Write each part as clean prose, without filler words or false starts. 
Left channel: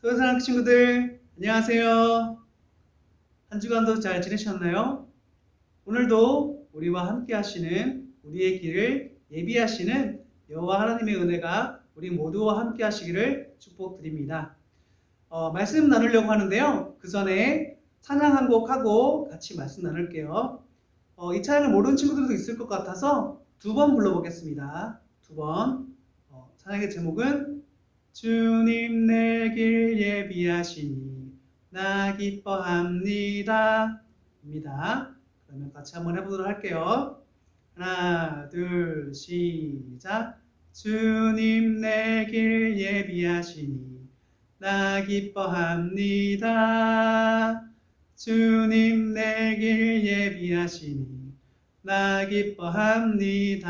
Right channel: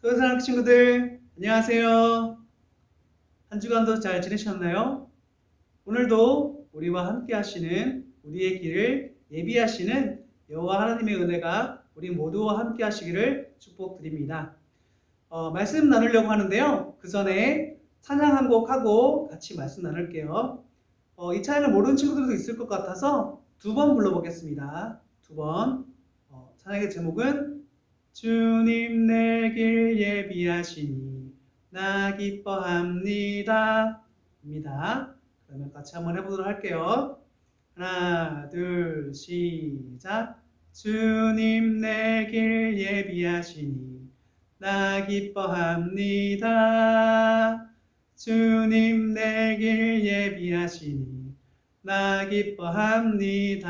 사랑하는 친구들, 안녕하세요. 한 주간도 잘 지내셨나요? 오늘도 우리와 함께 하시는 우리의 길을 예비하시는 여호와 하나님의 은혜가 우리 모두와 함께 하시기를 축복드립니다. 말씀 나누려고 하는데요. 그 전에 찬양 한 곡 하고 같이 말씀 나눌게요. 이 찬양을 모르는 친구들도 있을 것 같아서 두 번 불러보겠습니다. 두 번. 찬양의 제목은 주님 내 길 예비하시니 나 기뻐합니다 입니다. 그러면 같이 한번 해보도록 할게요. 하나 둘 시작. 주님 내 길 예비하시니 나 기뻐합니다. 주님 내 길 예비하시니 나 기뻐합니다.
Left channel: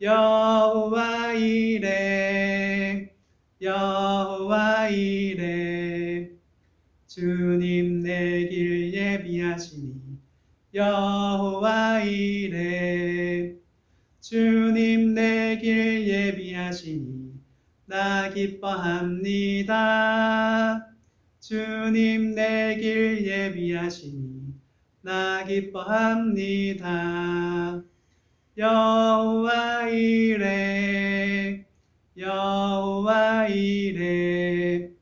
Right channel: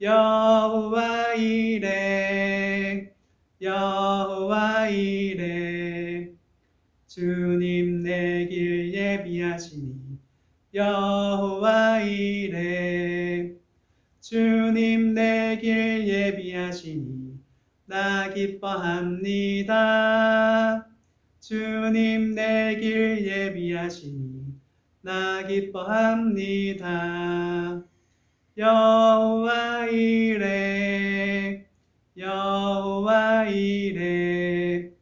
여호와 이레 여호와 이레 주님 내 길 예비하시니 여호와 이레 주님 내 길 예비하시니 나 기뻐합니다. 주님 내 길 예비하시니 나 기뻐합니다. 여호와 이레 여호와 이레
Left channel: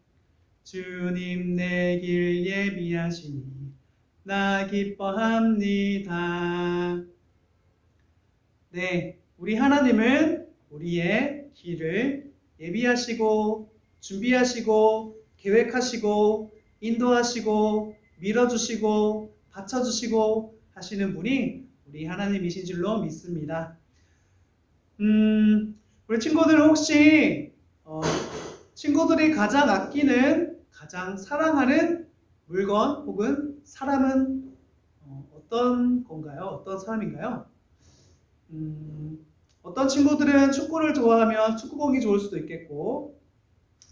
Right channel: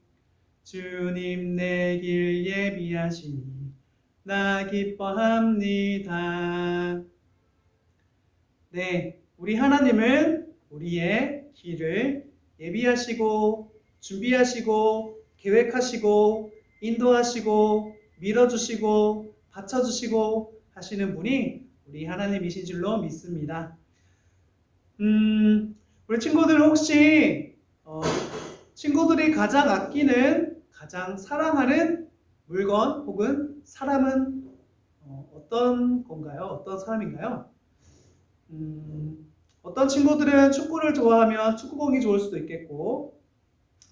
주님 내 길 예비하시니 나 기뻐합니다. 네, 우리 하나님은 우리의 길을 예비하시고 준비하시고 계획하시고 인도하시고 밀어주시고 받쳐주시고 하시는 분이 우리 하나님이신 줄로 믿습니다. 우리 친구들 혹시 친구들이 가장 아끼는, 가장 사랑하는 물건 혹은 사람은 어떤 건가요? 어떤 사람인가요? 어떤 친구들은 축구를 좋아하면 축구공이 좋을 수도 있겠고,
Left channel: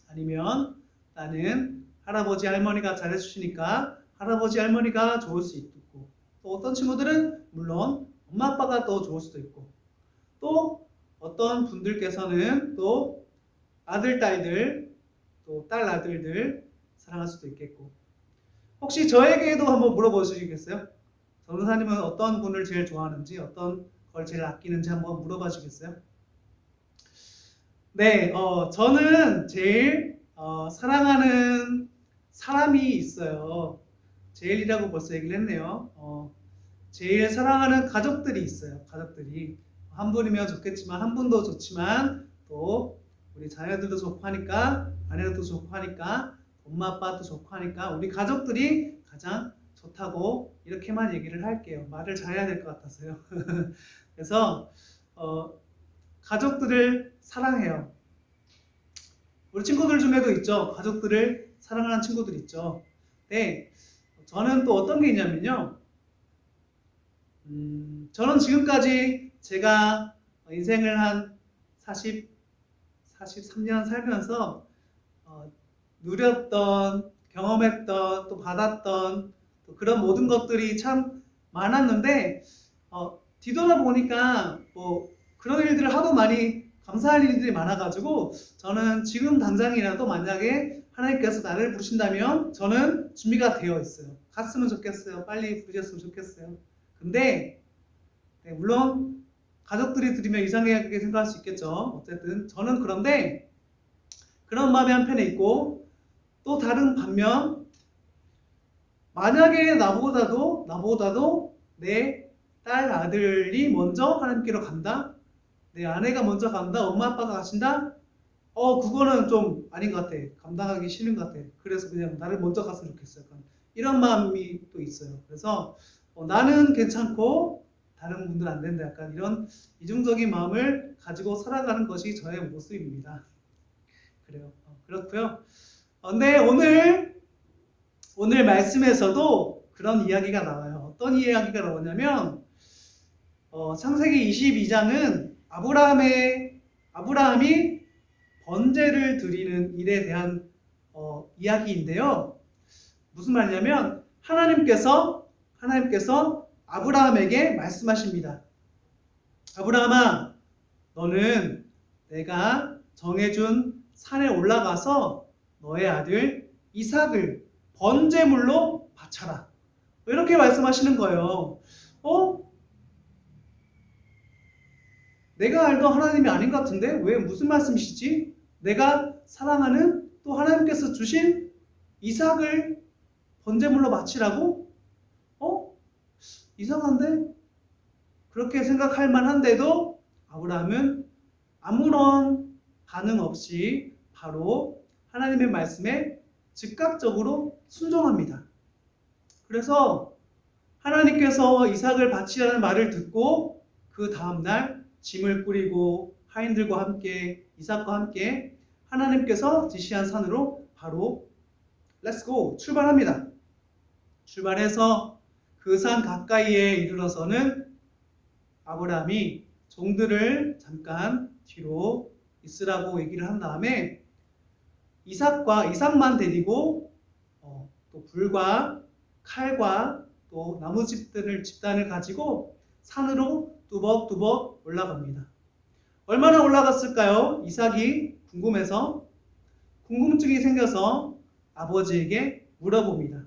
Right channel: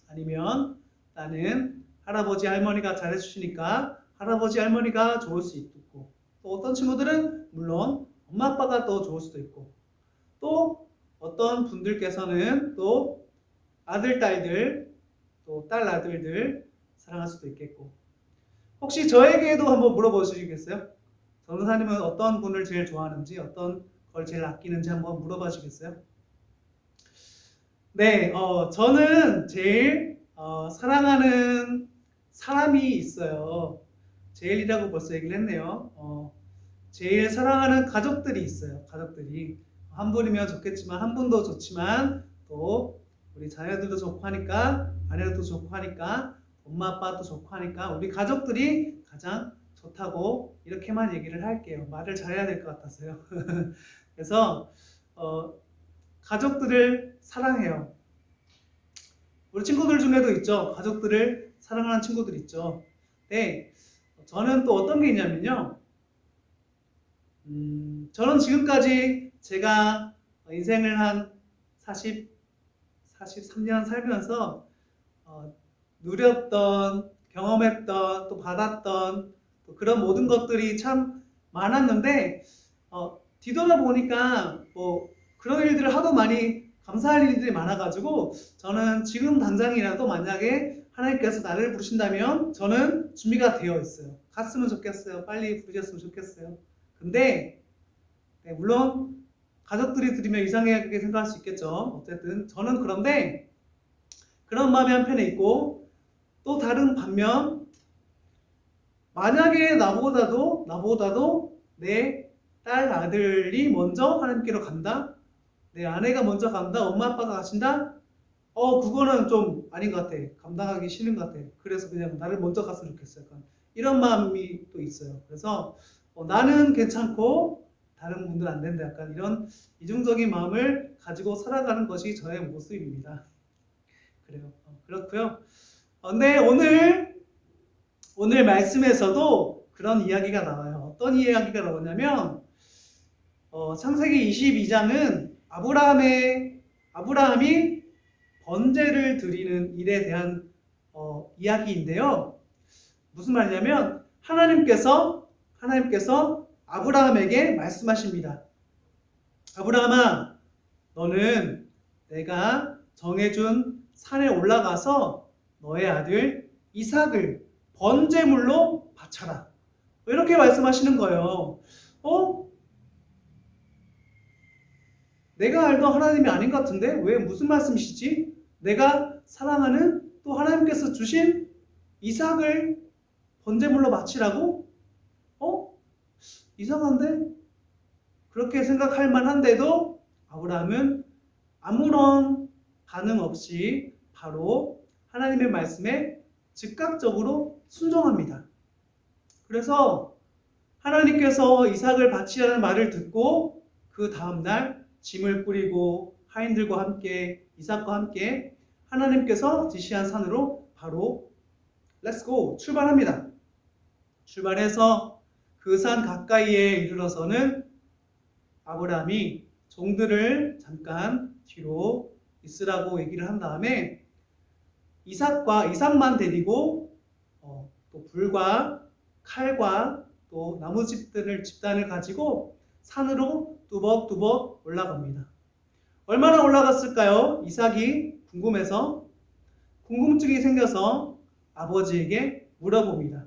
아니면 나는 할아버지 할머니가 잘해주시니까 할아버지 할머니가 좋을 수 있고, 또 어떤 친구들은 물론 엄마 아빠가 더 좋을 수도 있고, 또 어떤 분들께서는 또 아들 딸들, 또 딸 아들들 사랑할 수도 있겠고. 혹시 저에게도 한번 물어보시겠어요? 전도사님은 어떤 분을 제일 좋아하는지, 어떤 걸 제일 아끼는지 한번 물어봐 주시겠어요? 네, 저는 제일 사랑하는 사람이 있어요. 제일이라고 벌써 얘기를 했네요. 제일 사랑하는 가족들이 있어요. 가족들이 한 분이면 좋겠지만, 한 분도 좋지만, 또 우리 자녀들도 좋고 하니까, 아내도 좋고 하니까, 엄마 아빠도 좋고 하니까 우리 가족들이 가장 좋다고 이렇게만 얘기를 할게요. 말을 잘해야 될 것 같아서요. 그래서 가족들을 사랑해요. 우리 친구들 중에도 있죠. 가족들을 사랑하는 친구들 있죠. 네, 저는 또 어떤 게 있냐면요. 저는 지금까지 제가 인생을 한 43년 살면서 누렸던, 경험했던, 또 받았던 또 그런 모든 것들이 참 많았는데 뒤돌아보니까 뭐 그런 일들을 하도 많이 감사할 일들이 많아가지고 저는 지금 당장이라도 만약에 하나님께서 나를 부르신다면 저는 준비가 되어 있어요. 갔으면 좋겠어요. 빨리 부르셨으면 좋겠어요. 근데 네, 물론 가족들이 들으면 이상하게 생각할 수 있겠죠. 어쨌든 저는 그런데 그런 마음이 한편에 있고, 또 다른 반면 만약에 나보다도 내 딸 아들이 먼저 하나님께로 간다, 내 아내가 먼저 간다, 엄마 아빠가 가신다, 그거는 좀 아닌 것 같아. 감당하기 싫은 것 같아. 그래서 그냥 나를 먼저 갔으면 좋겠어요. 약간 이런 마음이 또 있어요. 그래서 나는 괜찮고 다른 분들은 안 된다. 약간 이런 이중적인 마음을 가지고 살아가는 것이 저의 모습입니다. 그래요. 그렇고요. 근데 오늘 말씀에서도 그런 이야기가 나와요. 어떤 이야기가 나오냐면 창세기 22장은 아브라함이 번제를 드리는 일에 대한 이야기인데요. 무슨 말이냐면 하나님께서 아브라함에게 말씀하십니다. 아브라함아, 너는 내가 정해준 산에 올라가서 너의 아들 이삭을 번제물로 바쳐라. 이렇게 말씀하시는 거예요. 내가 알던 하나님이 아닌 것 같은데 왜 무슨 말씀이시지? 내가 사랑하는 또 하나님께서 주신 이삭을 번제물로 바치라고? 이상한데? 그렇게 생각할 만한데도 아브라함은 아무런 반응 없이 바로 하나님의 말씀에 즉각적으로 순종합니다. 그래서 하나님께서 이삭을 바치라는 말을 듣고 그 다음날 짐을 꾸리고 하인들과 함께 이삭과 함께 하나님께서 지시한 산으로 바로 렛츠고 출발합니다. 출발해서 그 산 가까이에 이르러서는 아브라함이 종들을 잠깐 뒤로 있으라고 얘기를 한 다음에 이삭만 데리고 또 불과 칼과 또 나무 집단을 가지고 산으로 뚜벅뚜벅 올라갑니다. 얼마나 올라갔을까요? 이삭이 궁금해서 궁금증이 생겨서 아버지에게 물어봅니다.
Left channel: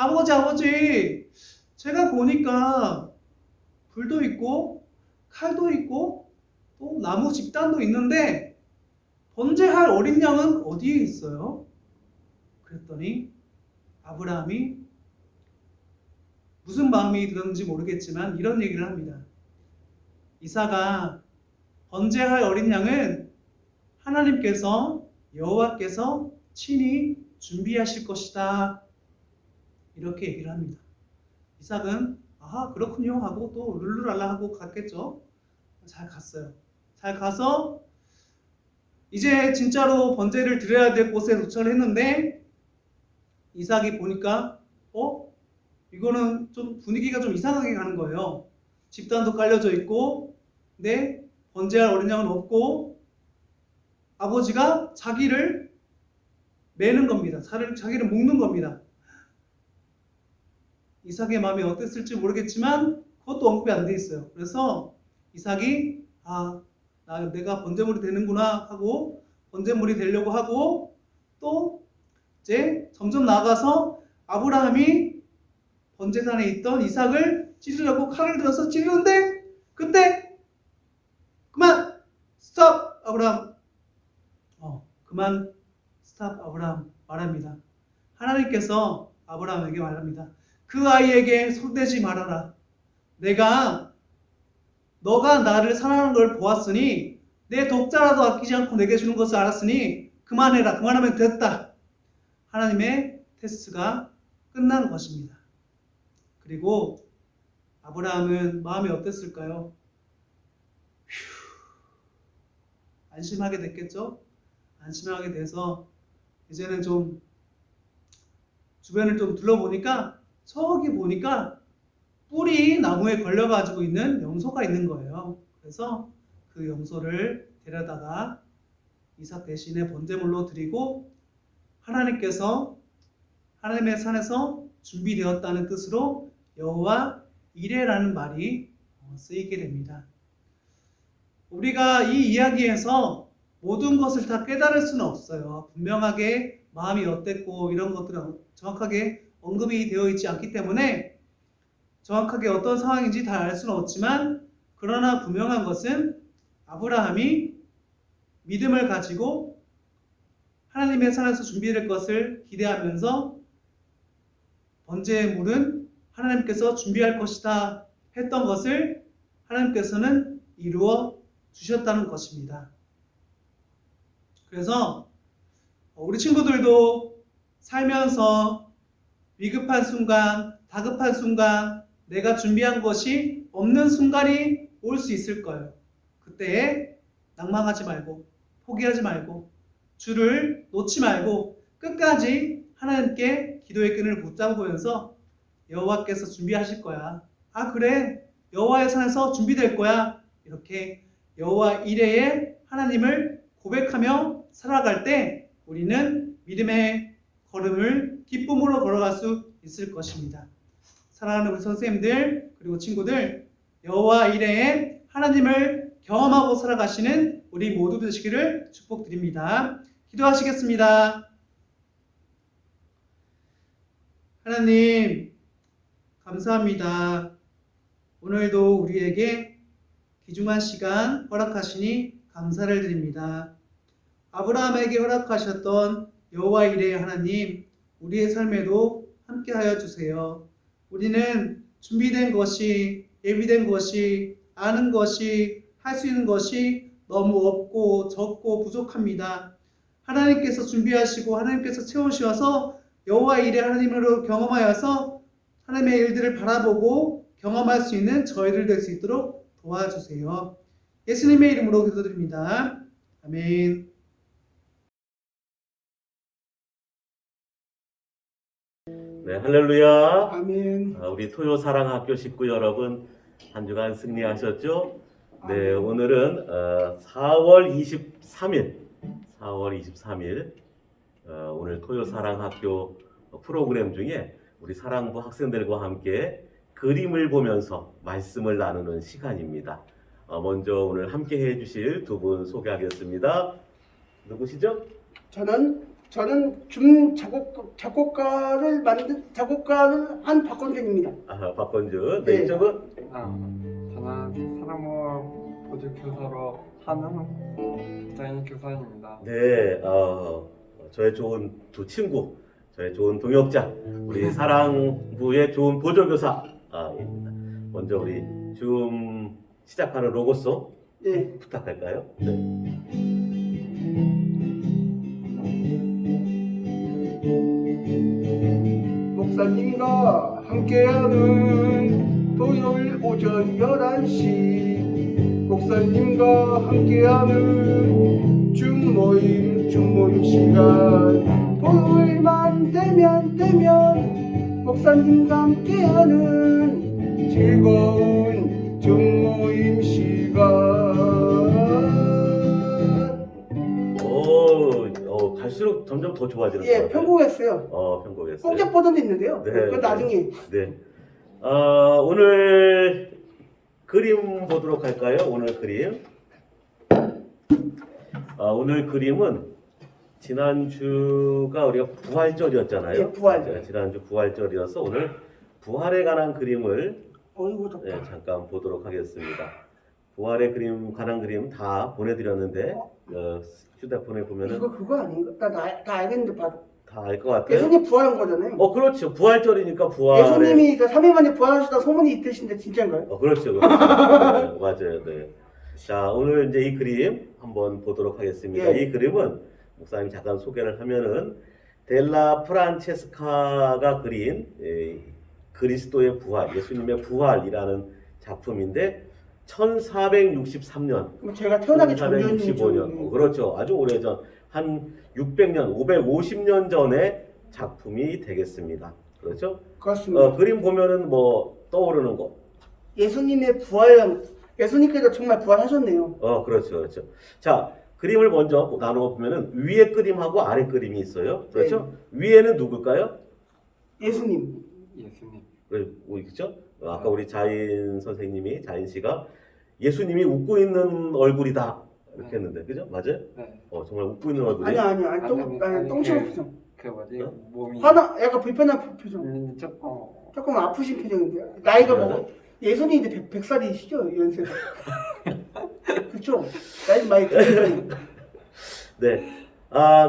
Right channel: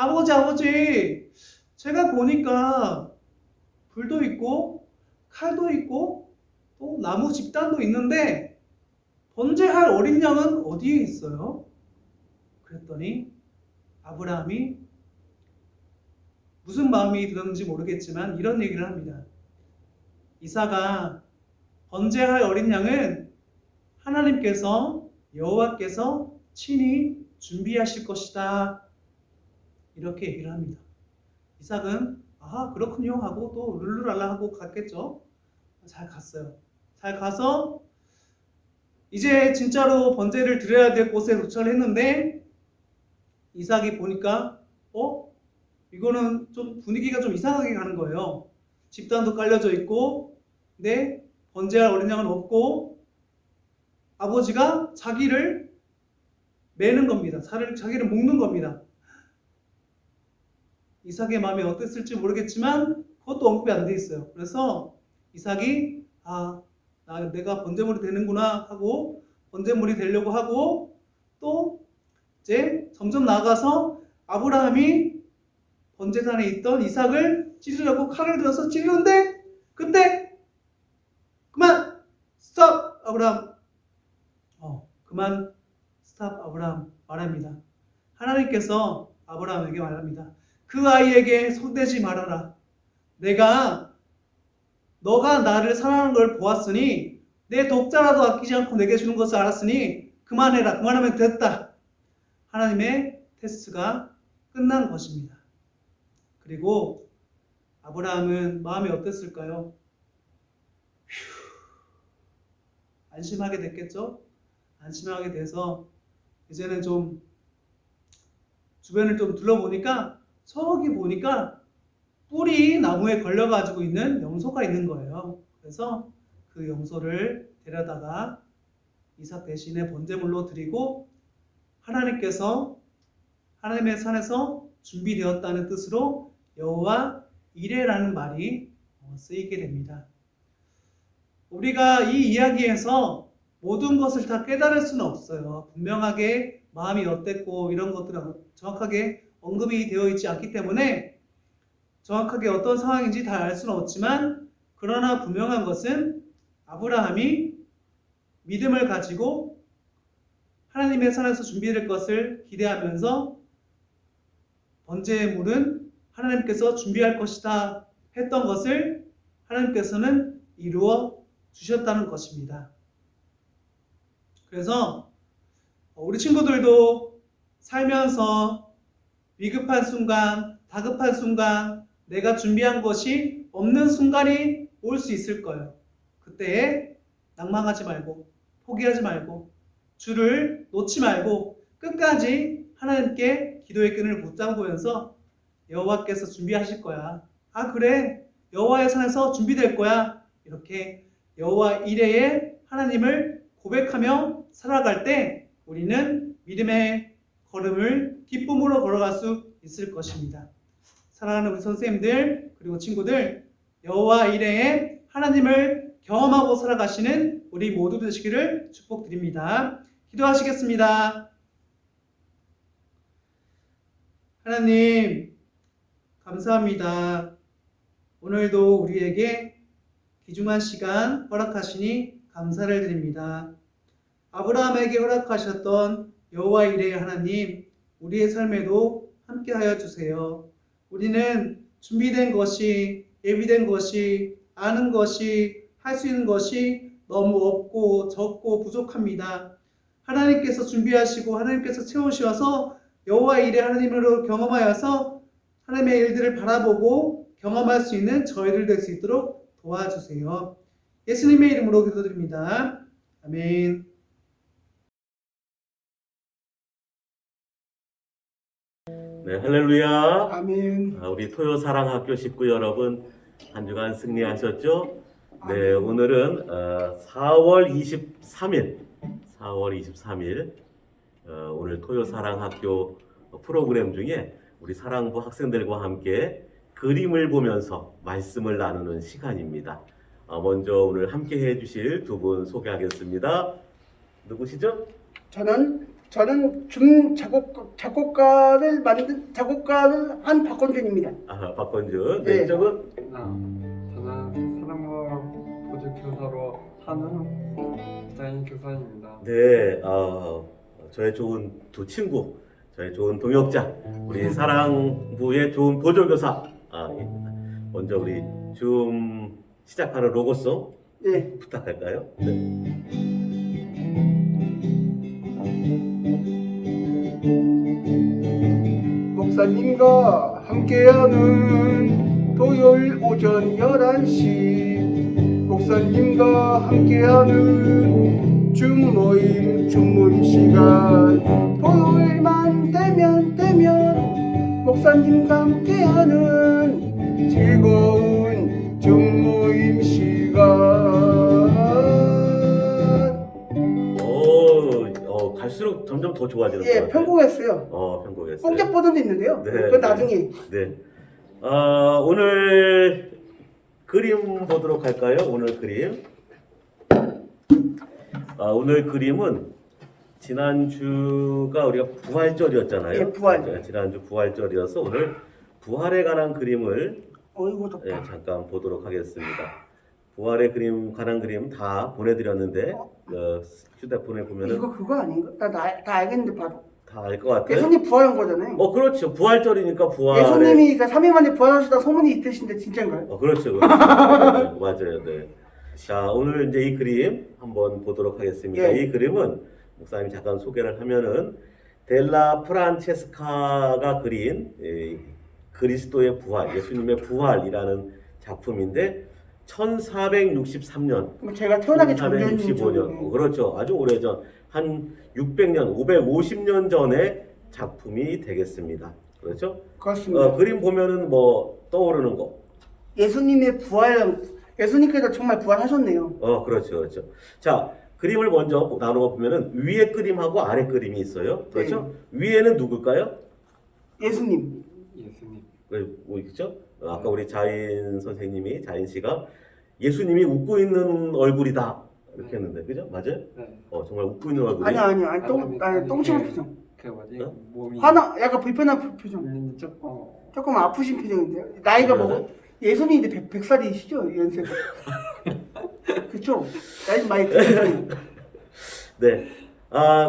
아버지, 제가 보니까 불도 있고 칼도 있고 또 나무 집단도 있는데 번제할 어린 양은 어디에 있어요? 그랬더니 아브라함이 무슨 마음이 들었는지 모르겠지만 이런 얘기를 합니다. 이삭아, 번제할 어린 양은 하나님께서 여호와께서 친히 준비하실 것이다. 이렇게 얘기를 합니다. 이삭은 아하 그렇군요 하고 또 룰루랄라 하고 갔겠죠. 잘 갔어요. 잘 가서 이제 진짜로 번제를 드려야 될 곳에 도착을 했는데 이삭이 보니까 이거는 좀 분위기가 좀 이상하게 가는 거예요. 집단도 깔려져 있고, 근데 번제할 어린 양은 없고, 아버지가 자기를 매는 겁니다. 자기를 묶는 겁니다. 이삭의 마음이 어땠을지 모르겠지만 그것도 언급이 안 돼 있어요. 그래서 이삭이 내가 번제물이 되는구나 하고 번제물이 되려고 하고, 또 이제 점점 나아가서 아브라함이 번제단에 있던 이삭을 찌르려고 칼을 들어서 찌르는데, 그때 그만 스톱 아브라함, 그만 스톱 아브라함 말합니다. 하나님께서 아브라함에게 말합니다. 그 아이에게 손대지 말아라. 너가 나를 사랑하는 걸 보았으니, 내 독자라도 아끼지 않고 내게 주는 것을 알았으니 그만해라. 그만하면 됐다. 하나님의 테스트가 끝난 것입니다. 그리고 아브라함은 마음이 어땠을까요? 안심하게 됐겠죠? 안심하게 돼서 이제는 좀 주변을 좀 둘러보니까, 저기 보니까 뿔이 나무에 걸려가지고 있는 염소가 있는 거예요. 그래서 그 염소를 데려다가 이삭 대신에 번제물로 드리고, 하나님께서 하나님의 산에서 준비되었다는 뜻으로 여호와 이레라는 말이 쓰이게 됩니다. 우리가 이 이야기에서 모든 것을 다 깨달을 수는 없어요. 분명하게 마음이 어땠고 이런 것들은 정확하게 언급이 되어 있지 않기 때문에 정확하게 어떤 상황인지 다 알 수는 없지만, 그러나 분명한 것은 아브라함이 믿음을 가지고 하나님의 산에서 준비될 것을 기대하면서 번제물은 하나님께서 준비할 것이다 했던 것을 하나님께서는 이루어 주셨다는 것입니다. 그래서 우리 친구들도 살면서 위급한 순간, 다급한 순간, 내가 준비한 것이 없는 순간이 올 수 있을 거예요. 그때에 낭망하지 말고, 포기하지 말고, 주를 놓지 말고 끝까지 하나님께 기도의 끈을 붙잡으면서 여호와께서 준비하실 거야. 그래, 여호와의 산에서 준비될 거야. 이렇게 여호와 이레의 하나님을 고백하며 살아갈 때 우리는 믿음의 걸음을 기쁨으로 걸어갈 수 있을 것입니다. 사랑하는 우리 선생님들, 그리고 친구들, 여호와 이레의 하나님을 경험하고 살아가시는 우리 모두 되시기를 축복드립니다. 기도하시겠습니다. 하나님, 감사합니다. 오늘도 우리에게 귀중한 시간 허락하시니 감사를 드립니다. 아브라함에게 허락하셨던 여호와 이레의 하나님, 우리의 삶에도 함께하여 주세요. 우리는 준비된 것이, 예비된 것이, 아는 것이, 할 수 있는 것이 너무 없고 적고 부족합니다. 하나님께서 준비하시고 하나님께서 채우셔서 여호와 이레 하나님으로 경험하여서 하나님의 일들을 바라보고 경험할 수 있는 저희들 될 수 있도록 도와주세요. 예수님의 이름으로 기도드립니다. 아멘. 네, 할렐루야. 아멘. 우리 토요사랑학교 식구 여러분, 한 주간 승리하셨죠? 네, 오늘은 4월 23일 오늘 토요사랑학교 프로그램 중에 우리 사랑부 학생들과 함께 그림을 보면서 말씀을 나누는 시간입니다. 먼저 오늘 함께 해주실 두 분 소개하겠습니다. 누구시죠? 저는 작곡가를 한 박건준입니다. 박건준. 네, 네. 이쪽은? 저는 사랑부 보직교사로 하는 부장인 교사입니다. 네, 저의 좋은 두 친구, 저의 좋은 동역자, 우리 사랑부의 좋은 보조교사입니다. 먼저 우리 줌 시작하는 로고송 예. 부탁할까요? 네. 목사님과 함께하는 토요일 오전 11시, 목사님과 함께하는 줌모임 시간, 토요일만 되면 목사님과 함께하는 즐거운 증모임 시간. 갈수록 점점 더 좋아지는 것 예, 같아요. 편곡했어요. 편곡했어요. 뽕짝 버전도 있는데요. 네, 그건 네. 나중에. 네. 오늘 그림 보도록 할까요? 오늘 그림. 오늘 그림은 지난주가 우리가 부활절이었잖아요. 네, 부활. 네, 지난주 부활절이어서 오늘 부활에 관한 그림을 어이구 덥다. 네, 잠깐 보도록 하겠습니다. 부활의 그림 관한 그림 다 보내드렸는데 휴대폰에 보면은 이거 그거 아닌가? 다 알겠는데 봐도. 다 알 것 같아요. 예수님 부활한 거잖아요. 그렇죠. 부활절이니까 부활에. 예수님이 3일 만에 부활하시다 소문이 있으신데 진짜인가요? 그렇죠. 네, 맞아요. 네. 자, 오늘 이제 이 그림 한번 보도록 하겠습니다. 네. 이 그림은 목사님 잠깐 소개를 하면은 델라 프란체스카가 그린 그리스도의 부활, 예수님의 부활이라는 작품인데 1463년, 그럼 제가 태어나기 전에 1465년, 그렇죠. 아주 오래전, 한 600년, 550년 전의 작품이 되겠습니다. 그렇죠? 그렇습니다. 그림 보면은 뭐 떠오르는 거. 예수님의 부활, 예수님께서 정말 부활하셨네요. 그렇죠, 그렇죠. 자, 그림을 먼저 나누어 보면은 위에 그림하고 아래 그림이 있어요. 그렇죠? 위에는 누굴까요? 예수님. 예수님. 그렇죠? 아까 우리 자인 선생님이, 자인 씨가 예수님이 웃고 있는 얼굴이다 이렇게 했는데, 그죠? 맞아요? 네. 정말 웃고 있는 얼굴이. 아니 똥치는 표정. 그 뭐지? 어? 몸이 약간 불편한 표정. 조금 조금 아프신 표정인데요. 나이가 맞아요. 뭐 예수님 이제 100살이시죠 연세. 그렇죠. 나이 많이 드셨어요. 네.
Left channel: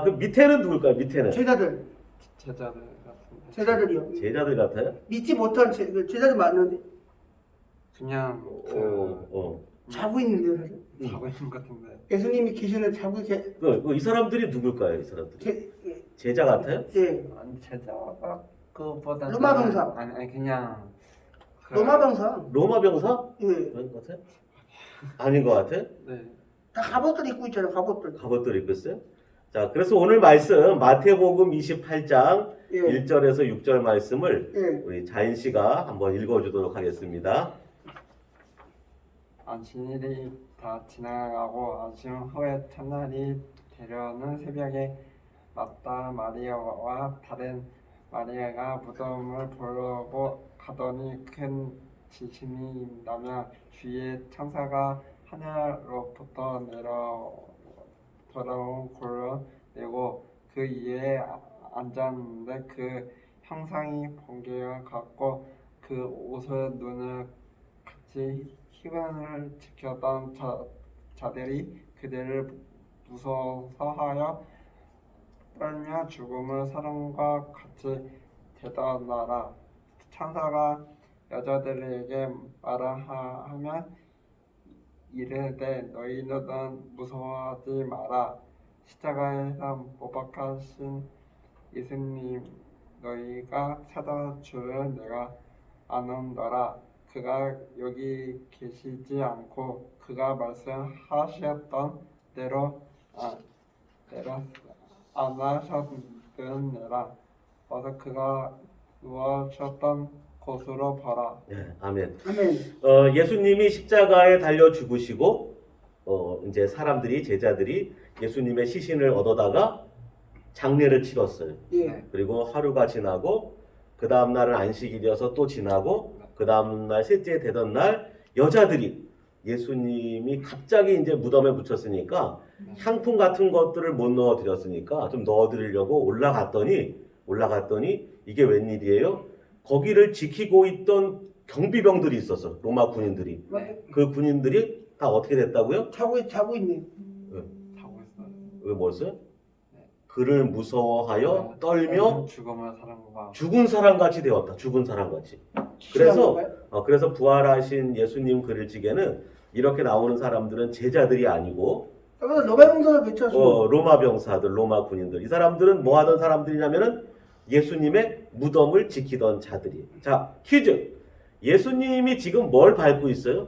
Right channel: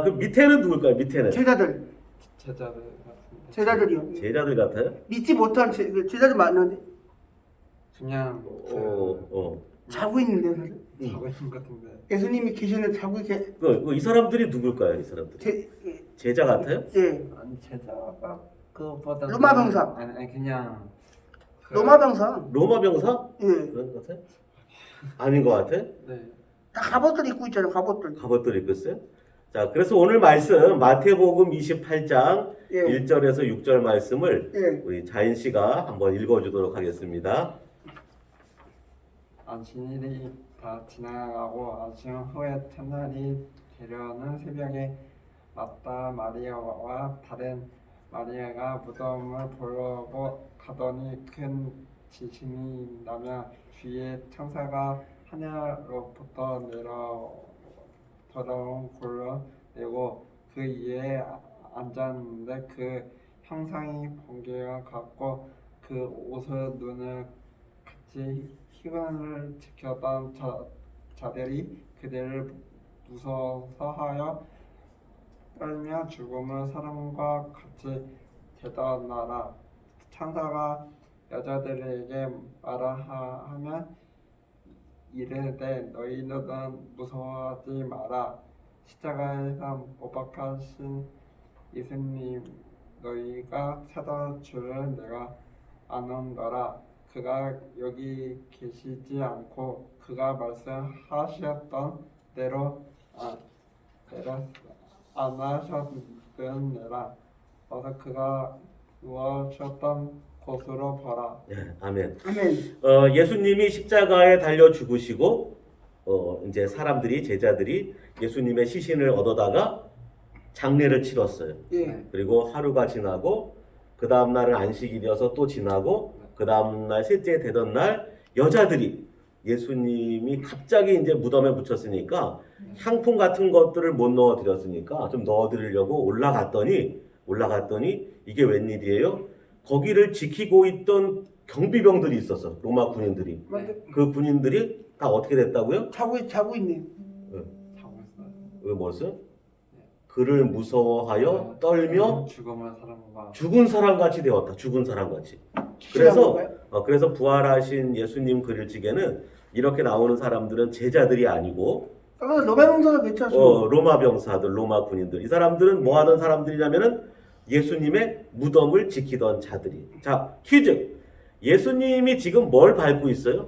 그 밑에는 누굴까요? 밑에는 제자들, 제자들 같습니다. 제자들이요. 제자들 같아요? 믿지 못한 제자들 많은데 그냥 자고 있는데요, 사실. 자고 있는 것 같은데. 예수님이 계시는 자고 계세. 이 사람들이 누굴까요? 이 사람들이 제자 같아요? 예. 아니 제자가 그보다 로마 병사. 아니 그냥 로마 병사. 로마 병사? 예. 그런 것 같아요? 아닌 것 같아요? 네. 다 갑옷들 입고 있잖아요, 갑옷들. 갑옷들 입고 있어요? 자, 그래서 오늘 말씀 마태복음 28장 예. 1절에서 6절 말씀을 예. 우리 자인 씨가 한번 읽어주도록 하겠습니다. 안식일이 다 지나가고 안식 후에 첫날이 되려는 새벽에 마다 마리아와 다른 마리아가 무덤을 보러 가더니 큰 지진이 나며 주의 천사가 하늘로부터 돌아온 굴을 내고 그 위에 앉았는데 그 형상이 번개와 같고 그 옷을 눈을 같이 희망을 지켰던 자들이 그들을 무서워하여 떨며 죽음을 사람과 같이 대답하라. 천사가 여자들에게 말하면 이르되 너희는 무서워하지 마라. 십자가에서 못 박히신 예수님 너희가 찾아 줄을 내가 아노라. 그가 여기 계시지 않고 그가 말씀하셨던 대로 안 하셨느니라. 어서 그가 누워셨던 곳으로 보라. 네, 아멘. 아멘. 예수님이 십자가에 달려 죽으시고 이제 사람들이 제자들이 예수님의 시신을 얻어다가 장례를 치렀어요. 예. 그리고 하루가 지나고 그 다음 날은 안식일이어서 또 지나고 그 다음 날 셋째 되던 날 여자들이 예수님이 갑자기 이제 무덤에 묻혔으니까 향품 같은 것들을 못 넣어드렸으니까 좀 넣어드리려고 올라갔더니 이게 웬일이에요? 거기를 지키고 있던 경비병들이 있었어. 로마 군인들이. 그 군인들이 다 어떻게 됐다고요? 자고 있네. 자고 있어요. 왜 뭐였어요? 그를 무서워하여 떨며 죽음을 사람과 죽은 사람같이 되었다. 죽은 사람같이. 그래서 부활하신 예수님 그릴지게는 이렇게 나오는 사람들은 제자들이 아니고 그래서 로마 병사가 괜찮죠. 로마 병사들, 로마 군인들. 이 사람들은 뭐 하던 사람들이냐면은 예수님의 무덤을 지키던 자들이. 자, 퀴즈. 예수님이 지금 뭘 밟고 있어요?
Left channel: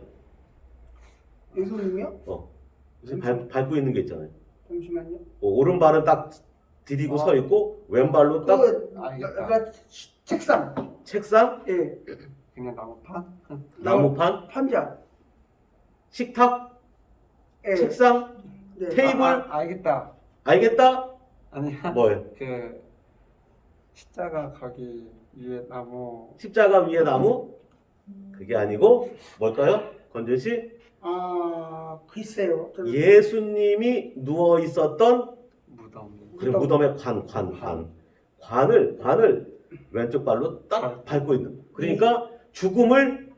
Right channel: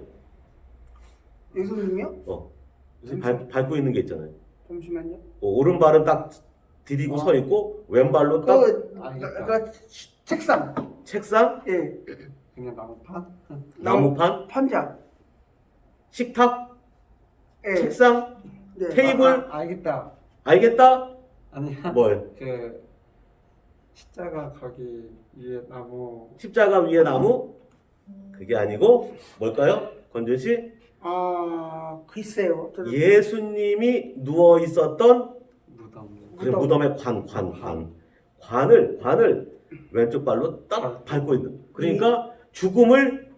예수님이요? 밟고 있는 게 있잖아요. 잠시만요. 오른발은 딱 디디고 서 있고 왼발로 딱 책상. 책상, 예. 그냥 나무판? 나무판, 판자. 식탁, 예. 책상, 네. 테이블. 알겠다. 알겠다? 아니야. 뭘? 그 십자가 거기 위에 나무. 십자가 위에 나무? 그게 아니고 뭘까요? 권준 씨? 글쎄요. 예수님이 누워 있었던 무덤. 그래 무덤의 관을 왼쪽 발로 딱 밟고 있는. 그러니까 죽음을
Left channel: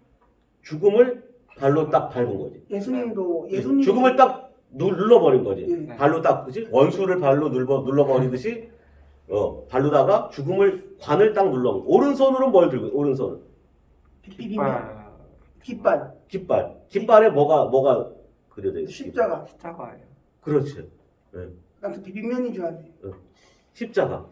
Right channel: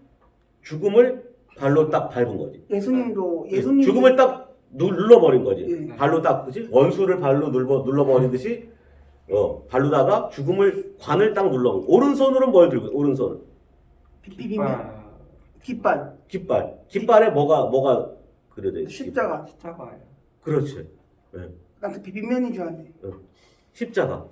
발로 딱 밟은 거지. 예수님도 죽음을 딱 눌러버린 거지. 예. 발로 딱 그지? 원수를 발로 눌러버리듯이 발로다가 관을 딱 눌러버려. 오른손으로는 뭘 들고? 오른손은 비빔면 깃발 깃발에 뭐가 그려져 있어? 십자가. 십자가예요. 그렇지. 나한테 비빔면인 줄 알았네. 십자가.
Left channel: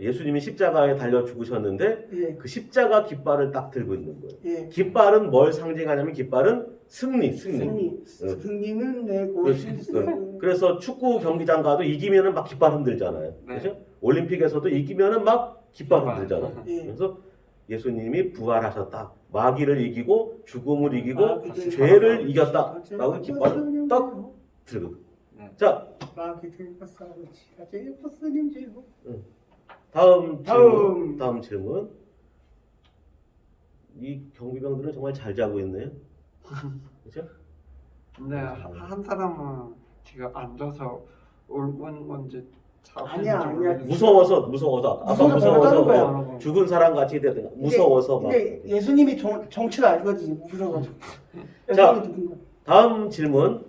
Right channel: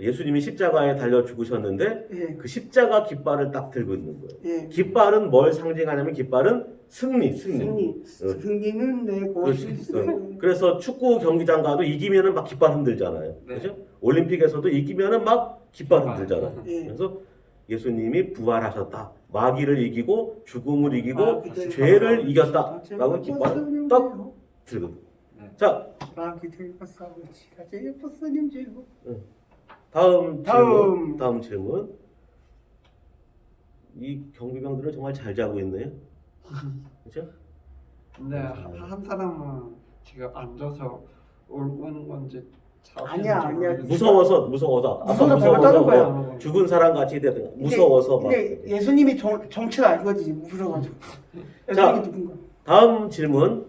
예수님이 십자가에 달려 죽으셨는데 예. 그 십자가 깃발을 딱 들고 있는 거예요. 예. 깃발은 뭘 상징하냐면 깃발은 승리. 승리는 내 그렇지. 것이지. 그래서 축구 경기장 가도 이기면은 막 깃발 흔들잖아요. 네. 그렇죠? 올림픽에서도 이기면은 막 깃발 흔들잖아요. 예. 그래서 예수님이 부활하셨다. 마귀를 이기고 죽음을 이기고 그때 죄를 이겼다라고 깃발을 딱 들거든. 자, 다음 질문. 이 경비병들은 정말 잘 자고 있네요. 그렇죠? 근데 한 사람은 지금 앉아서 울는 건지 자고 아니야. 있는지 모르겠어요. 무서워서 아까 무서워서 배웠다는 거야. 죽은 사람 같이 되든 무서워서 막. 근데 예수님이 정체가 알거지. 무서워가지고. 자, 예수님이 누군가. 다음 질문.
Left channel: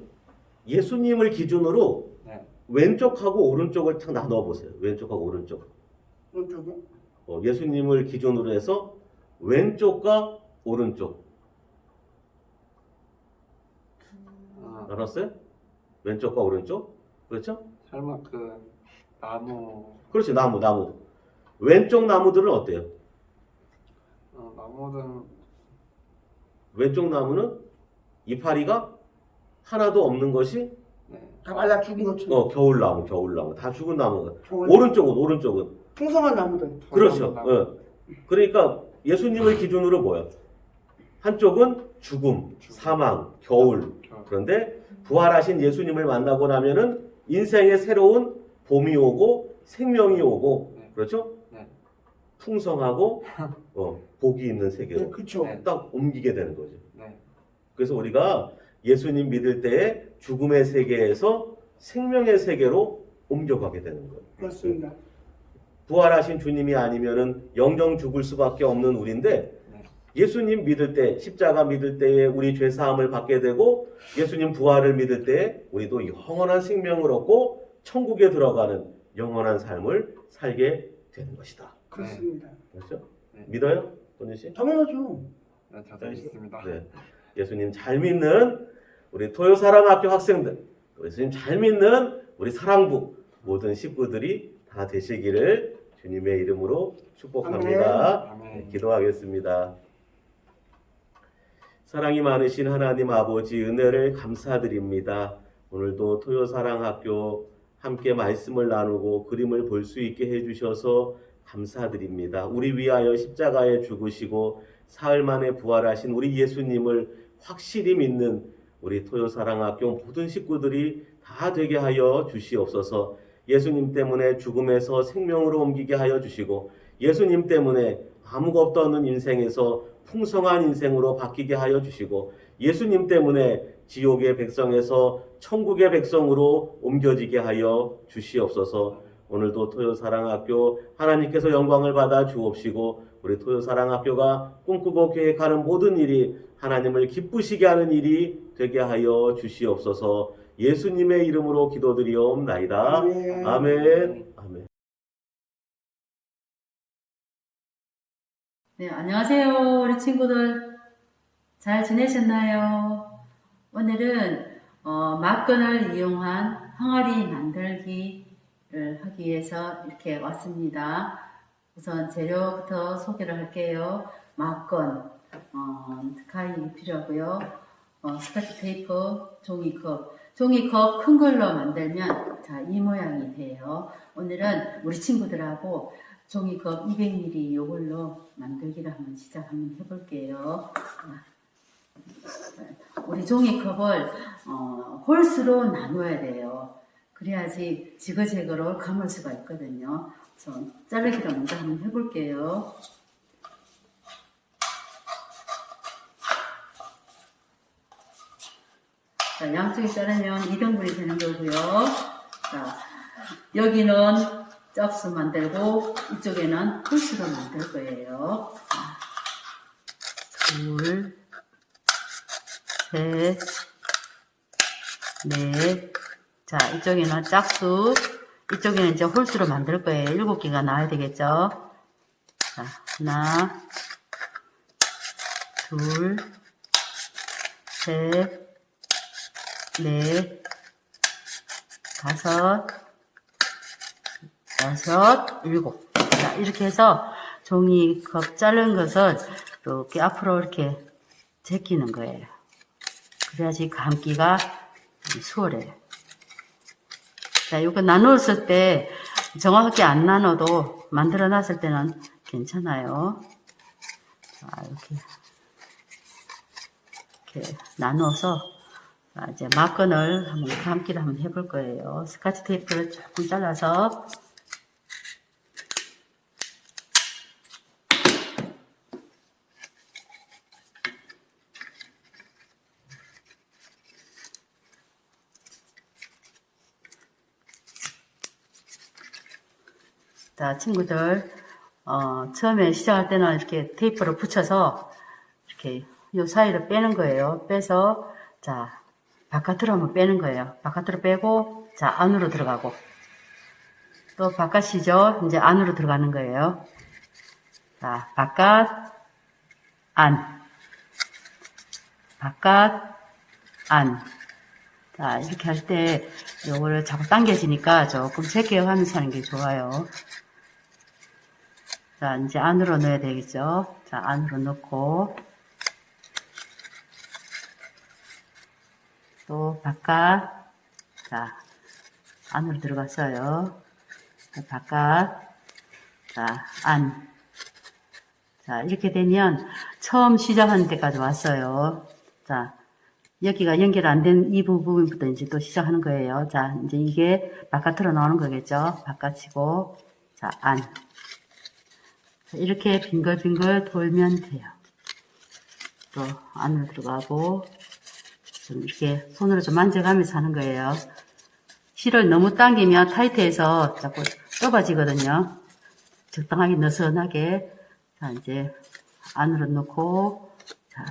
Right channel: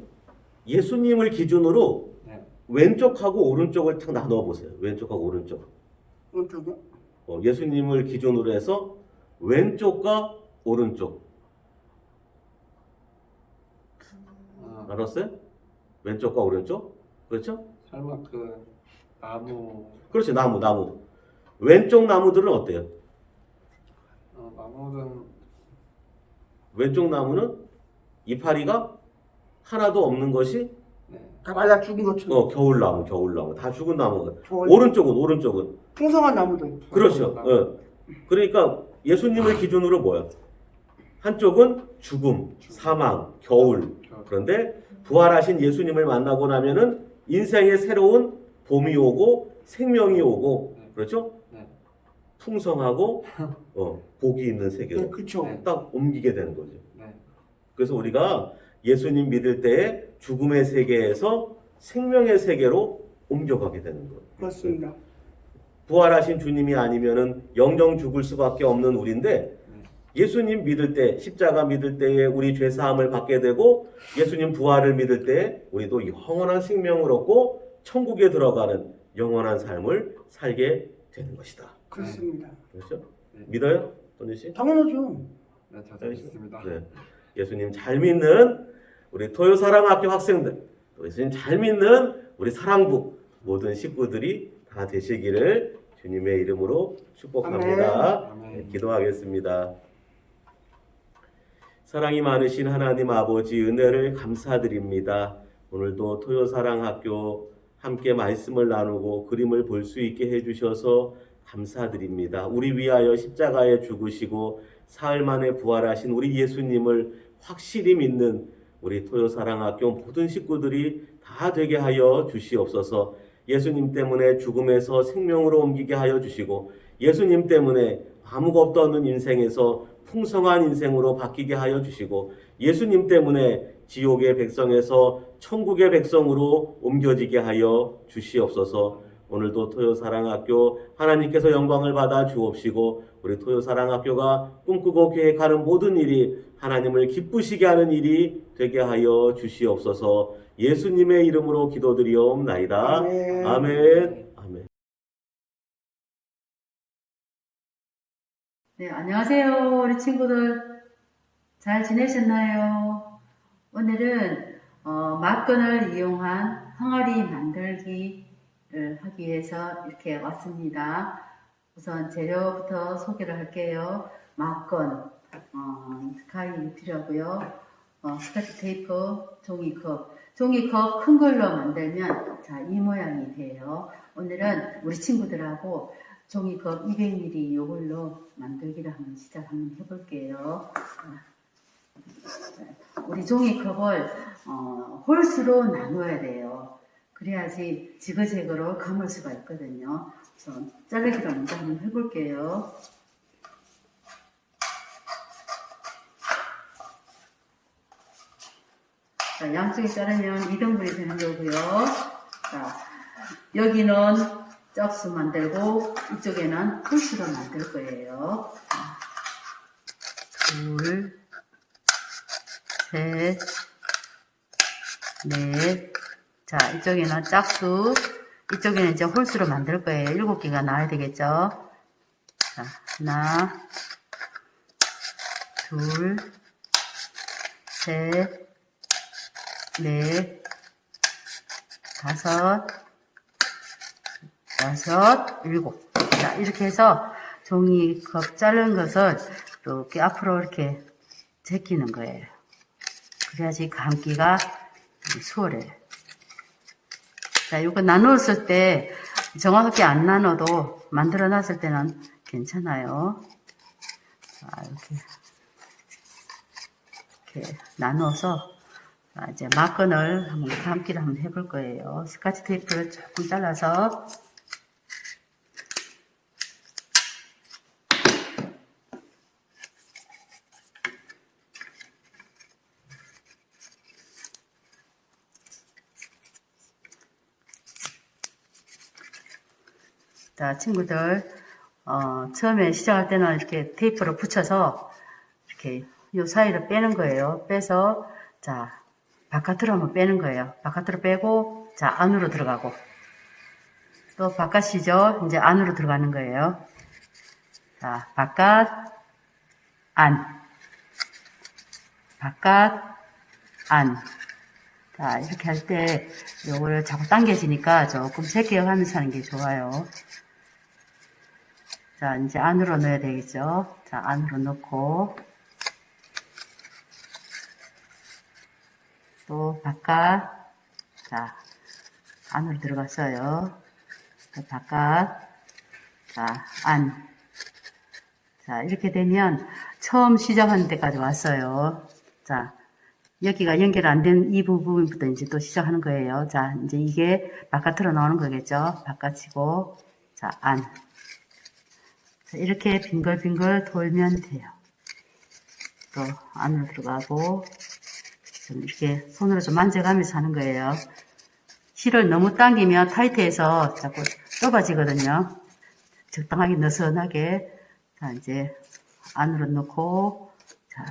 예수님을 기준으로 네. 왼쪽하고 오른쪽을 탁 나눠 보세요. 왼쪽하고 오른쪽. 오른쪽에. 예수님을 기준으로 해서 왼쪽과 오른쪽. 알았어요? 왼쪽과 오른쪽? 그렇죠? 설마 그 나무 그렇지. 나무. 왼쪽 나무들은 어때요? 나무는 왼쪽 나무는 이파리가 하나도 없는 것이 네. 다 말라 죽은 것처럼. 겨울나무. 다 죽은 나무가. 좋아요. 오른쪽은 풍성한 나무들. 그렇죠. 나무. 그러니까 예수님을 기준으로 뭐야? 한쪽은 죽음, 사망, 겨울. 그런데 부활하신 예수님을 만나고 나면은 인생의 새로운 봄이 오고 생명이 오고 그렇죠? 네. 풍성하고 복이 있는 네, 세계로 그렇죠. 네. 딱 옮기게 되는 거죠. 네. 그래서 우리가 예수님 믿을 때에 죽음의 세계에서 생명의 세계로 옮겨가게 되는 거예요. 그렇습니다. 부활하신 주님이 아니면은 영영 죽을 수밖에 없는 우리인데 예수님 믿을 때 십자가 믿을 때에 우리 죄 사함을 받게 되고 예수님 부활을 믿을 때에 우리도 영원한 생명을 얻고 천국에 들어가는 영원한 삶을 살게 되는 것이다. 그렇습니다. 그렇죠? 네. 믿어요? 권준 씨? 당연하죠. 네, 저도 있습니다. 네. 예수님 잘 믿는 우리 토요사랑학교 학생들, 또 예수님 잘 믿는 우리 사랑부 모든 식구들이 다 되시기를 주님의 이름으로 축복합니다. 아멘. 네, 기도하겠습니다. 사랑이 많으신 하나님 아버지 은혜를 감사드립니다. 오늘도 토요사랑학교 함께 말씀을 나누고 그림을 볼 수 있게 해주셔서 감사드립니다. 우리 위하여 십자가에 죽으시고 사흘 만에 부활하신 우리 예수님을 확실히 믿는 우리 토요사랑학교 모든 식구들이 다 되게 하여 주시옵소서. 예수님 때문에 죽음에서 생명으로 옮기게 하여 주시고 예수님 때문에 아무것도 없는 인생에서 풍성한 인생으로 바뀌게 하여 주시고 예수님 때문에 지옥의 백성에서 천국의 백성으로 옮겨지게 하여 주시옵소서. 오늘도 토요사랑학교 하나님께서 영광을 받아 주옵시고 우리 토요사랑학교가 꿈꾸고 계획하는 모든 일이 하나님을 기쁘시게 하는 일이 되게 하여 주시옵소서. 예수님의 이름으로 기도드리옵나이다. 아멘. 아멘. 아멘. 네, 안녕하세요. 우리 친구들. 잘 지내셨나요? 오늘은 막건을 이용한 항아리 만들기를 하기 위해서 이렇게 왔습니다. 우선 재료부터 소개를 할게요. 막건, 가위 필요하고요. 스카치 테이프, 종이컵 큰 걸로 만들면 자, 이 모양이 돼요. 오늘은 우리 친구들하고 종이컵 200ml 이걸로 만들기를 한번 시작 한번 해볼게요. 우리 종이컵을 홀수로 나눠야 돼요. 그래야지 지그재그로 감을 수가 있거든요. 그래서 자르기를 먼저 한번 해볼게요. 자, 양쪽에 자르면 2등분이 되는 거고요. 자, 여기는 짝수 만들고 이쪽에는 홀수로 만들 거예요. 둘, 셋, 넷. 자, 이쪽에는 짝수, 이쪽에는 이제 홀수로 만들 거예요. 7개가 나와야 되겠죠? 자, 하나, 둘, 셋, 넷, 다섯, 여섯, 일곱. 자, 이렇게 해서 종이컵 자른 것을 이렇게 앞으로 이렇게 제끼는 거예요. 그래야지 감기가 수월해요. 자, 이거 나눴을 때 정확하게 안 나눠도 만들어 놨을 때는 괜찮아요. 자, 이렇게 나눠서 이제 막건을 한번 감기를 한번 해볼 거예요. 스카치 테이프를 조금 잘라서 자, 친구들, 처음에 시작할 때는 이렇게 테이프를 붙여서 이렇게 요 사이를 빼는 거예요. 빼서, 자, 바깥으로 한번 빼는 거예요. 바깥으로 빼고, 자, 안으로 들어가고. 또 바깥이죠? 이제 안으로 들어가는 거예요. 자, 바깥, 안. 바깥, 안. 자, 이렇게 할 때 요거를 자꾸 당겨지니까 조금 제껴가면서 하는 게 좋아요. 자, 이제 안으로 넣어야 되겠죠? 자, 안으로 넣고, 또 바깥, 자, 안으로 들어갔어요. 또 바깥, 자, 안. 자, 이렇게 되면 처음 시작하는 데까지 왔어요. 자, 여기가 연결 안 된 이 부분부터 이제 또 시작하는 거예요. 자, 이제 이게 바깥으로 나오는 거겠죠? 바깥이고, 자, 안. 자, 이렇게 빙글빙글 돌면 돼요. 또 안으로 들어가고, 좀 이렇게 손으로 좀 만져가면서 하는 거예요. 실을 너무 당기면 타이트해서 자꾸 좁아지거든요. 적당하게 느슨하게. 자, 이제 안으로 넣고, 자.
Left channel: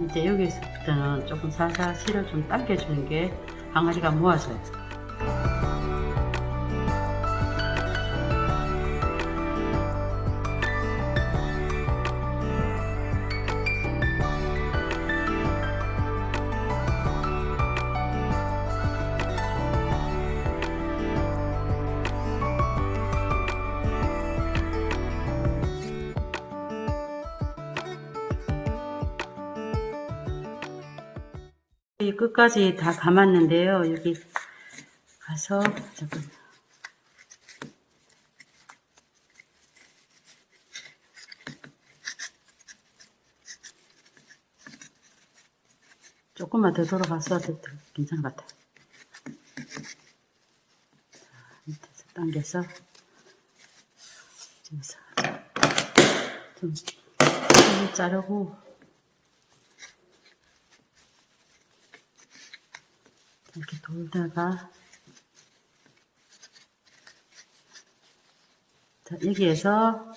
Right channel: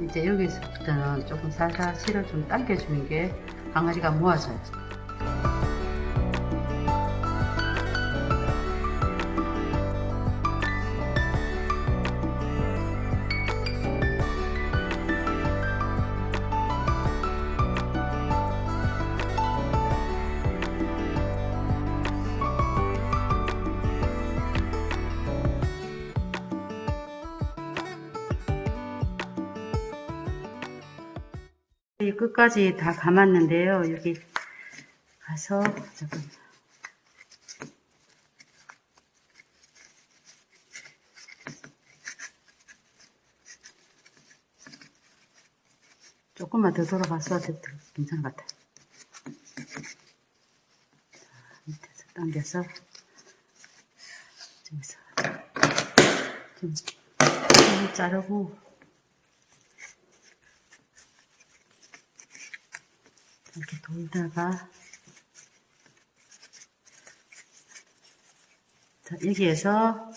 이제 여기서부터는 조금 살살 실을 좀 당겨주는 게 항아리가 모아져요. 끝까지 다 감았는데요. 여기 가서 잠깐. 조금만 더 돌아가서 괜찮은 것 같아. 자, 밑에서 당겨서 여기서 좀 자르고 이렇게 돌다가 자, 여기에서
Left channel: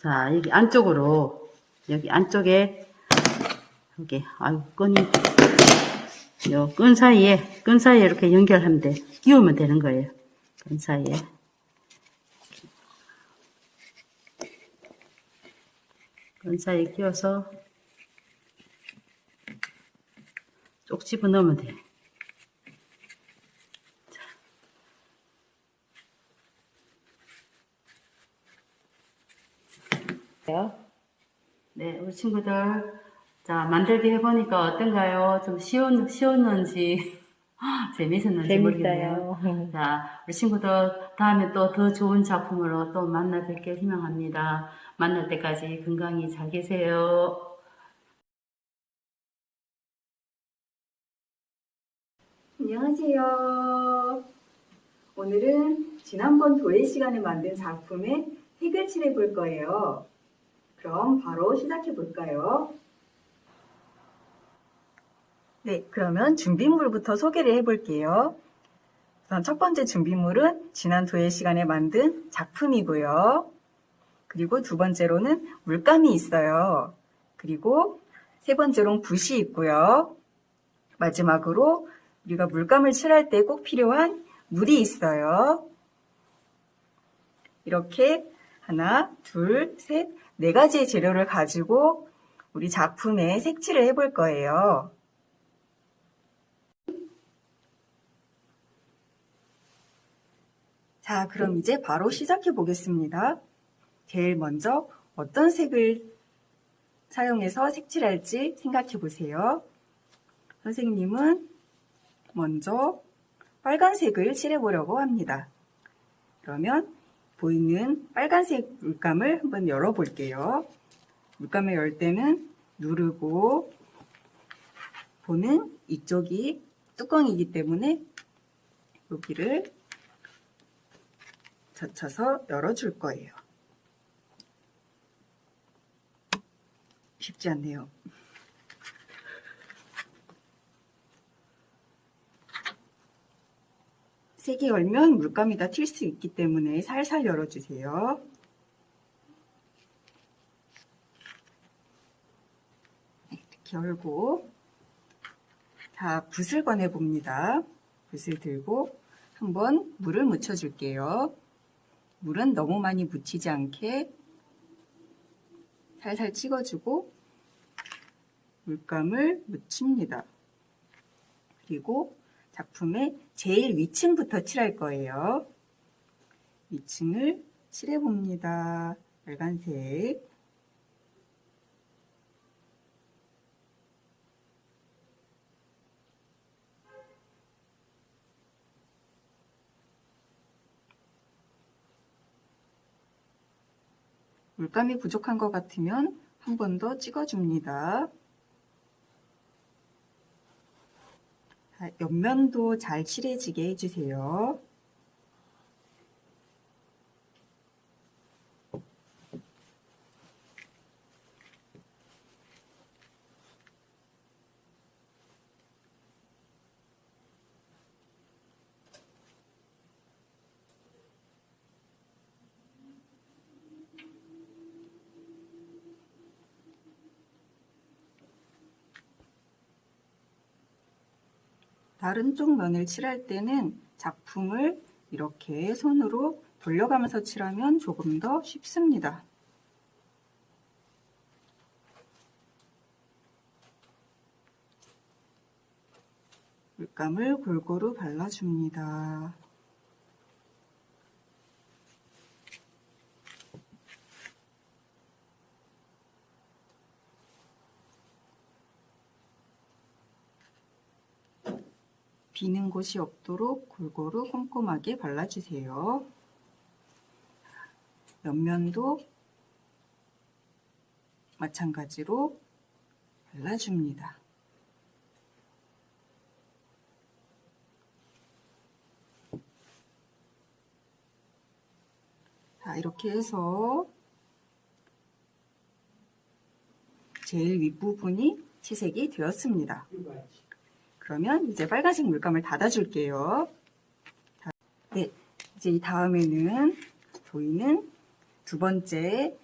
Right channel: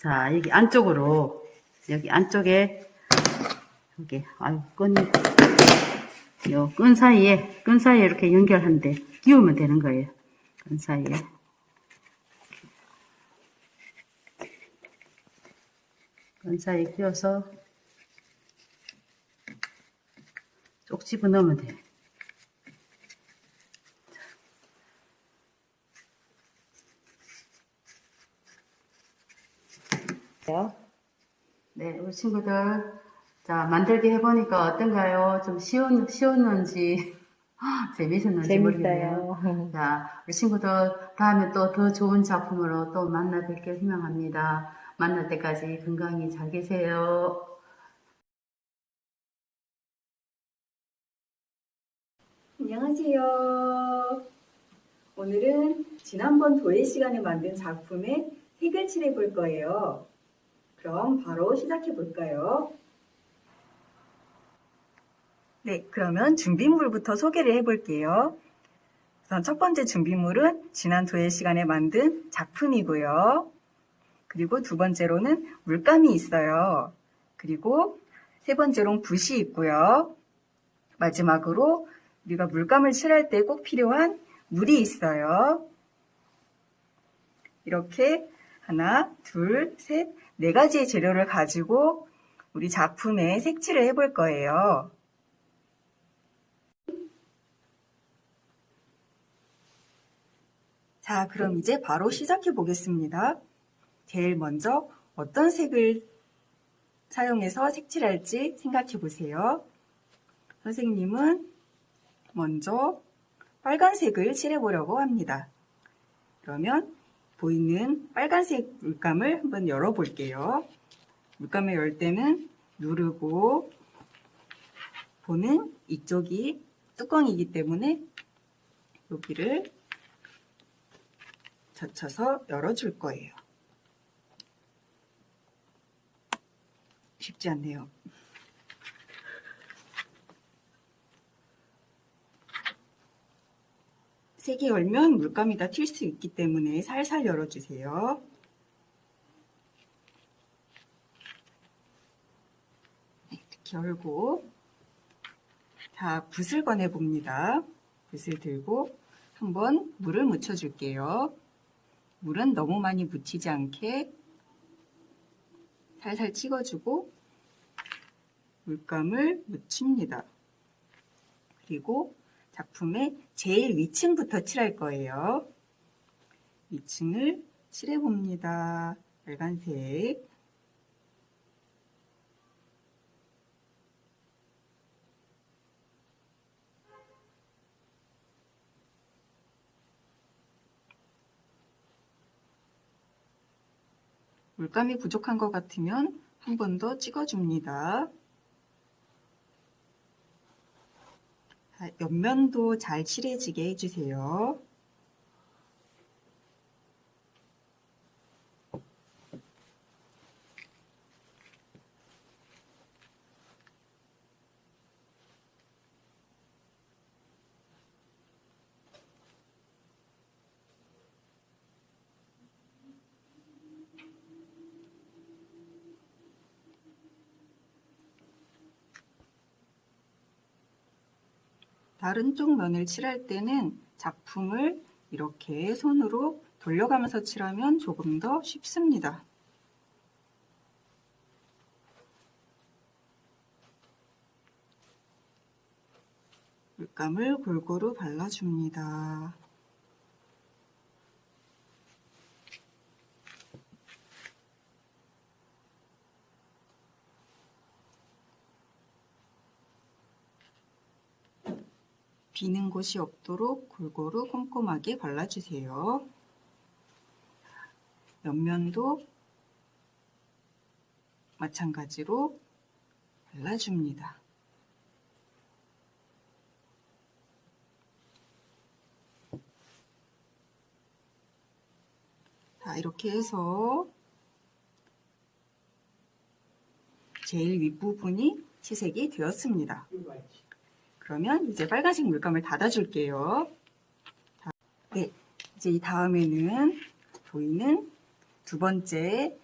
자, 여기 안쪽으로 여기 안쪽에 여기 아유 끈이 요 끈 사이에 이렇게 연결하면 돼. 끼우면 되는 거예요. 끈 사이에 끼워서 쪽 집어 넣으면 돼. 네, 우리 친구들, 자, 만들기 해보니까 어떤가요? 좀 쉬웠는지, 재밌었는지 모르겠네요. 자, 우리 친구들, 다음에 또 더 좋은 작품으로 또 만나 뵙길 희망합니다. 만날 때까지 건강히 잘 계세요. 안녕하세요. 오늘은 지난번 도예 시간에 만든 작품에 색을 칠해 볼 거예요. 그럼 바로 시작해 볼까요? 네, 그러면 준비물부터 소개를 해 볼게요. 우선 첫 번째 준비물은 지난 도예 시간에 만든 작품이고요. 그리고 두 번째로는 물감이 있어요. 그리고 세 번째로는 붓이 있고요. 마지막으로 우리가 물감을 칠할 때 꼭 필요한 물이 있어요. 이렇게 하나, 둘, 셋, 네 가지의 재료를 가지고 우리 작품에 색칠을 해볼 거예요. 자, 그럼 이제 바로 시작해 보겠습니다. 제일 먼저 어떤 색을 사용해서 색칠할지 생각해 보세요. 선생님은 먼저 빨간색을 칠해보려고 합니다. 그러면 보이는 빨간색 물감을 한번 열어볼게요. 물감을 열 때는 누르고 보는 이쪽이 뚜껑이기 때문에 여기를 젖혀서 열어줄 거예요. 쉽지 않네요. 세게 열면 물감이 다 튈 수 있기 때문에 살살 열어주세요. 이렇게 열고 자, 붓을 꺼내 봅니다. 붓을 들고 한번 물을 묻혀줄게요. 물은 너무 많이 묻히지 않게 살살 찍어주고 물감을 묻힙니다. 그리고 작품의 제일 위층부터 칠할 거예요. 위층을 칠해봅니다. 빨간색. 물감이 부족한 것 같으면 한 번 더 찍어줍니다. 옆면도 잘 칠해지게 해주세요. 다른 쪽 면을 칠할 때는 작품을 이렇게 손으로 돌려가면서 칠하면 조금 더 쉽습니다. 물감을 골고루 발라줍니다. 비는 곳이 없도록 골고루 꼼꼼하게 발라주세요. 옆면도 마찬가지로 발라줍니다. 자, 이렇게 해서 제일 윗부분이 채색이 되었습니다. 그러면 이제 빨간색 물감을 닫아줄게요. 자, 네, 이제 이 다음에는 저희는 두 번째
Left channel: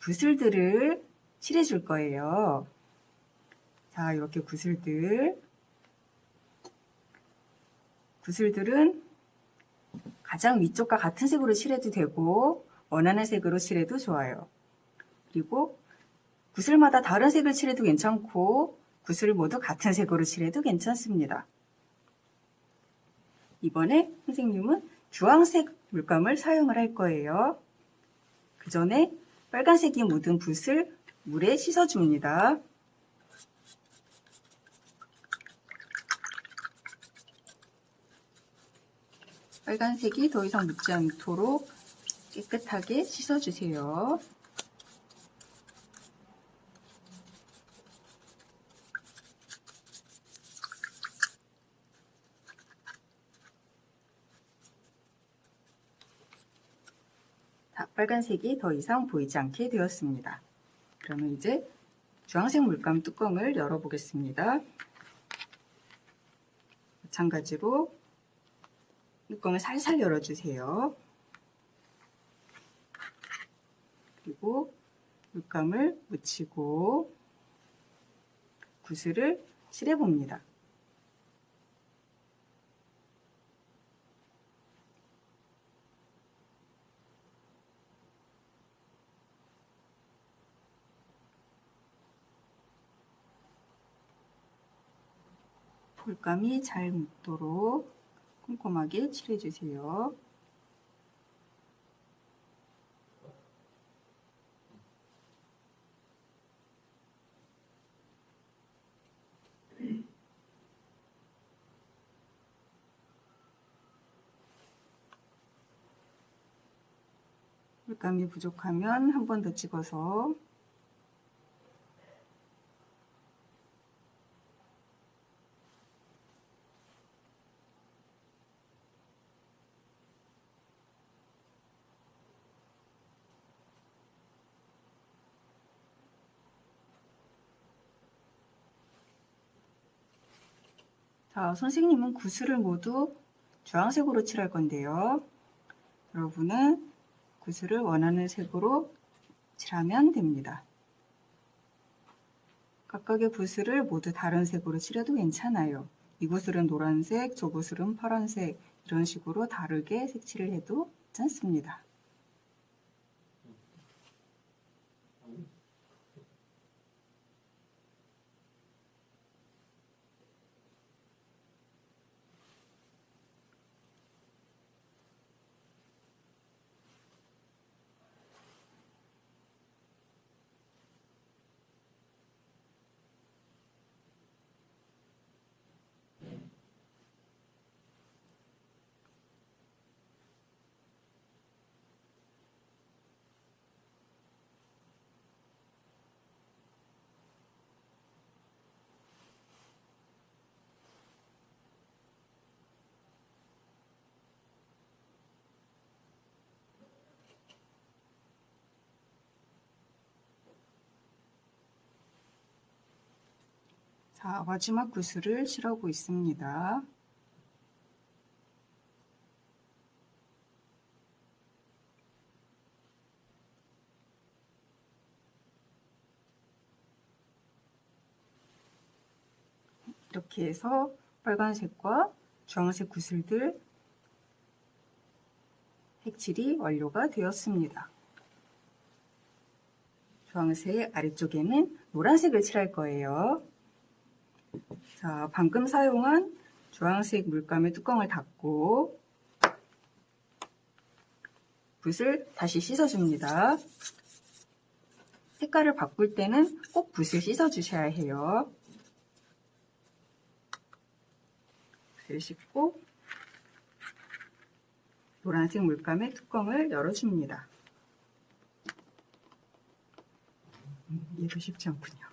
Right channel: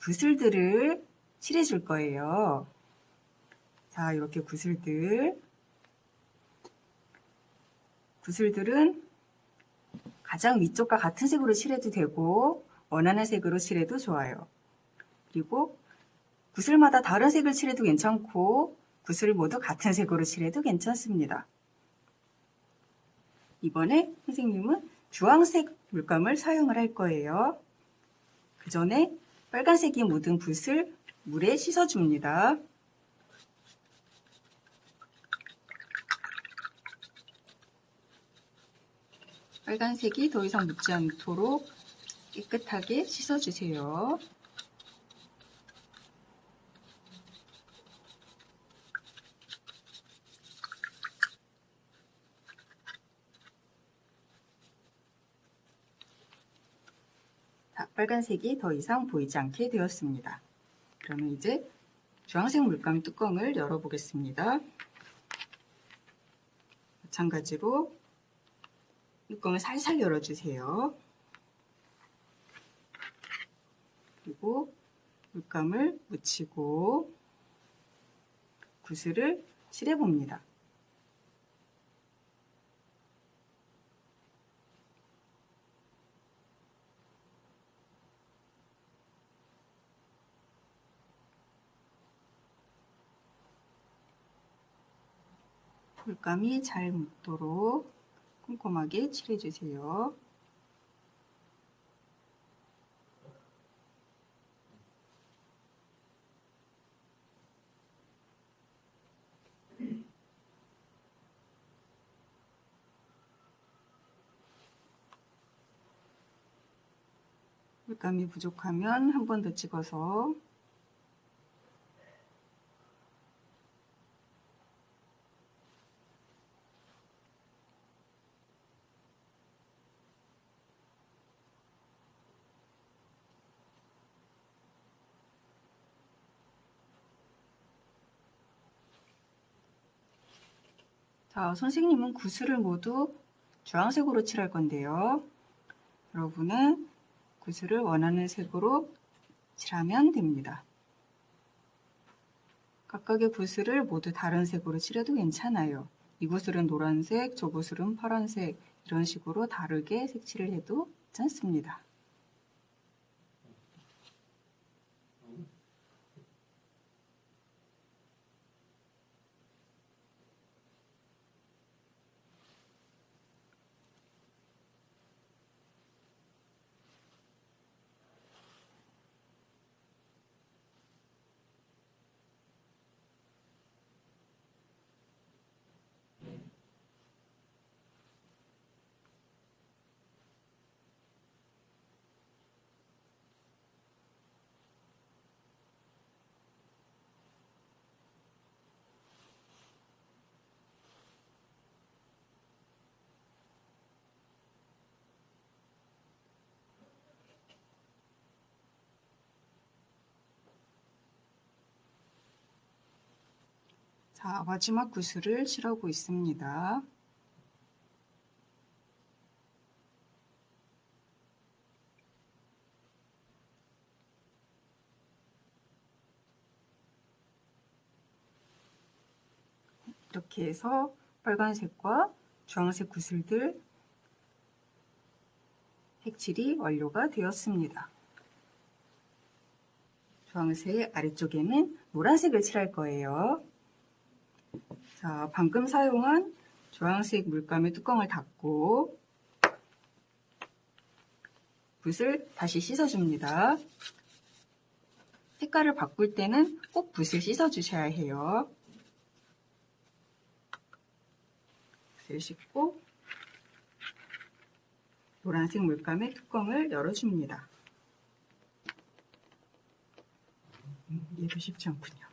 구슬들을 칠해줄 거예요. 자, 이렇게 구슬들은 가장 위쪽과 같은 색으로 칠해도 되고 원하는 색으로 칠해도 좋아요. 그리고 구슬마다 다른 색을 칠해도 괜찮고 구슬을 모두 같은 색으로 칠해도 괜찮습니다. 이번에 선생님은 주황색 물감을 사용을 할 거예요. 그 전에 빨간색이 묻은 붓을 물에 씻어줍니다. 빨간색이 더 이상 묻지 않도록 깨끗하게 씻어주세요. 자, 빨간색이 더 이상 보이지 않게 되었습니다. 그러면 이제 주황색 물감 뚜껑을 열어보겠습니다. 마찬가지로 뚜껑을 살살 열어주세요. 그리고 물감을 묻히고 구슬을 칠해봅니다. 물감이 잘 묻도록 꼼꼼하게 칠해주세요. 물감이 부족하면 한 번 더 찍어서 자, 선생님은 구슬을 모두 주황색으로 칠할 건데요. 여러분은 구슬을 원하는 색으로 칠하면 됩니다. 각각의 구슬을 모두 다른 색으로 칠해도 괜찮아요. 이 구슬은 노란색, 저 구슬은 파란색 이런 식으로 다르게 색칠을 해도 괜찮습니다. 자, 마지막 구슬을 칠하고 있습니다. 이렇게 해서 빨간색과 주황색 구슬들 색칠이 완료가 되었습니다. 주황색 아래쪽에는 노란색을 칠할 거예요. 자, 방금 사용한 주황색 물감의 뚜껑을 닫고 붓을 다시 씻어줍니다. 색깔을 바꿀 때는 꼭 붓을 씻어주셔야 해요. 붓을 씻고 노란색 물감의 뚜껑을 열어줍니다. 얘도 쉽지 않군요.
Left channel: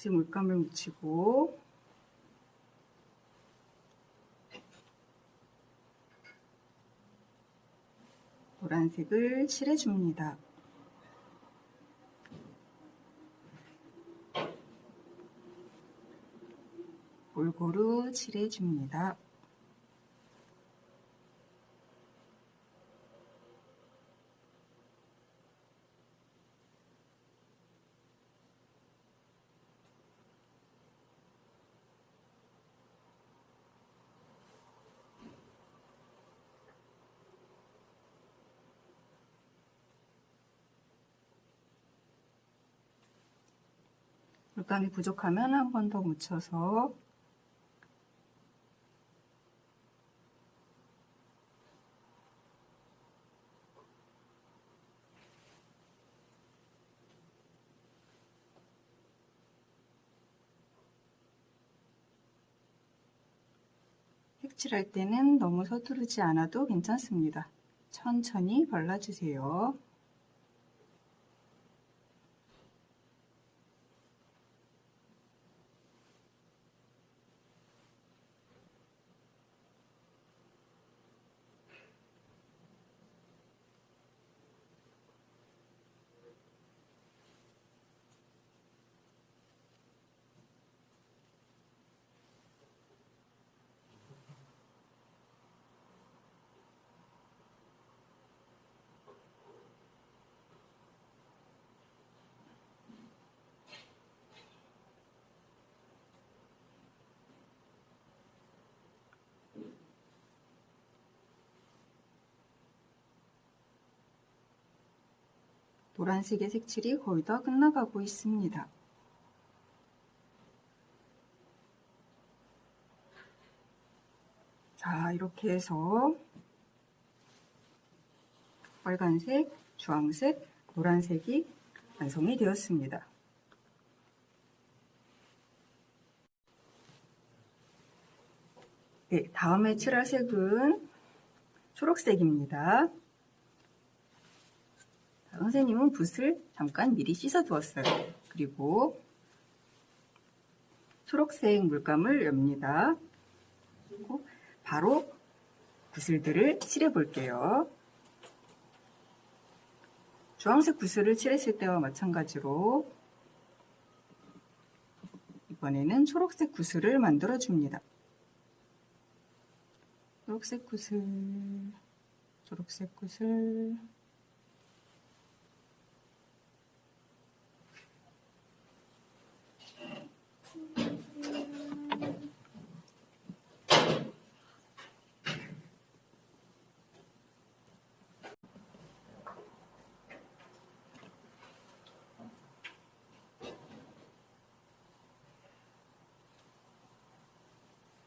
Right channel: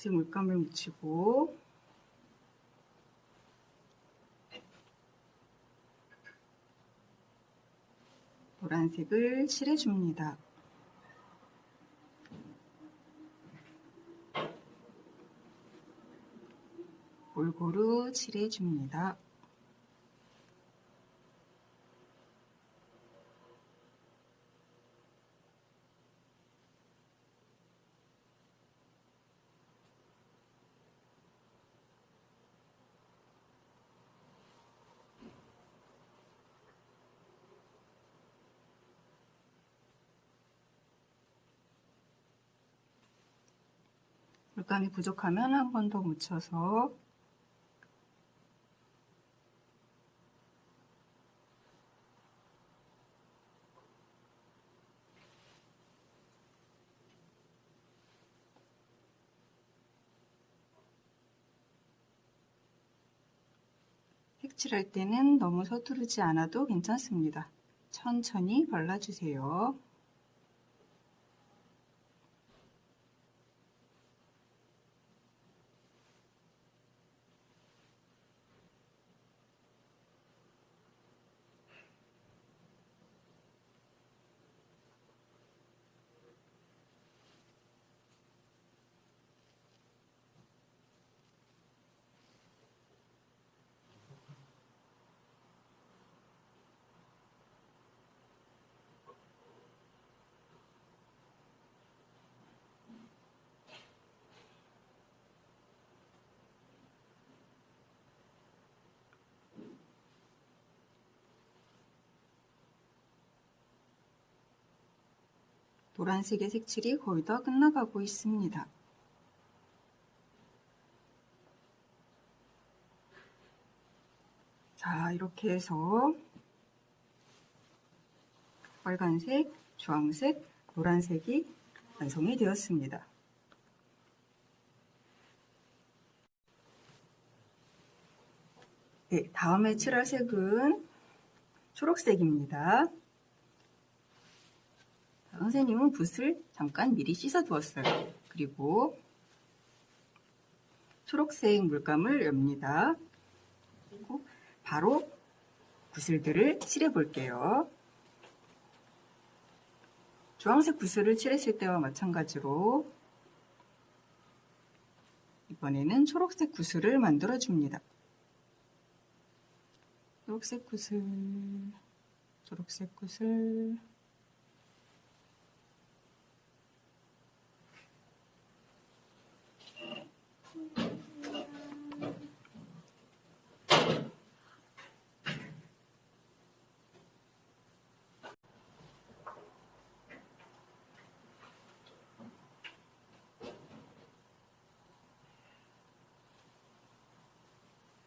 초록색 물감을 묻히고 노란색을 칠해줍니다. 골고루 칠해줍니다. 물감이 부족하면 한 번 더 묻혀서 색칠할 때는 너무 서두르지 않아도 괜찮습니다. 천천히 발라주세요. 노란색의 색칠이 거의 다 끝나가고 있습니다. 자, 이렇게 해서 빨간색, 주황색, 노란색이 완성이 되었습니다. 네, 다음에 칠할 색은 초록색입니다. 선생님은 붓을 잠깐 미리 씻어 두었어요. 그리고 초록색 물감을 엽니다. 그리고 바로 구슬들을 칠해 볼게요. 주황색 구슬을 칠했을 때와 마찬가지로 이번에는 초록색 구슬을 만들어 줍니다. 초록색 구슬, 초록색 구슬,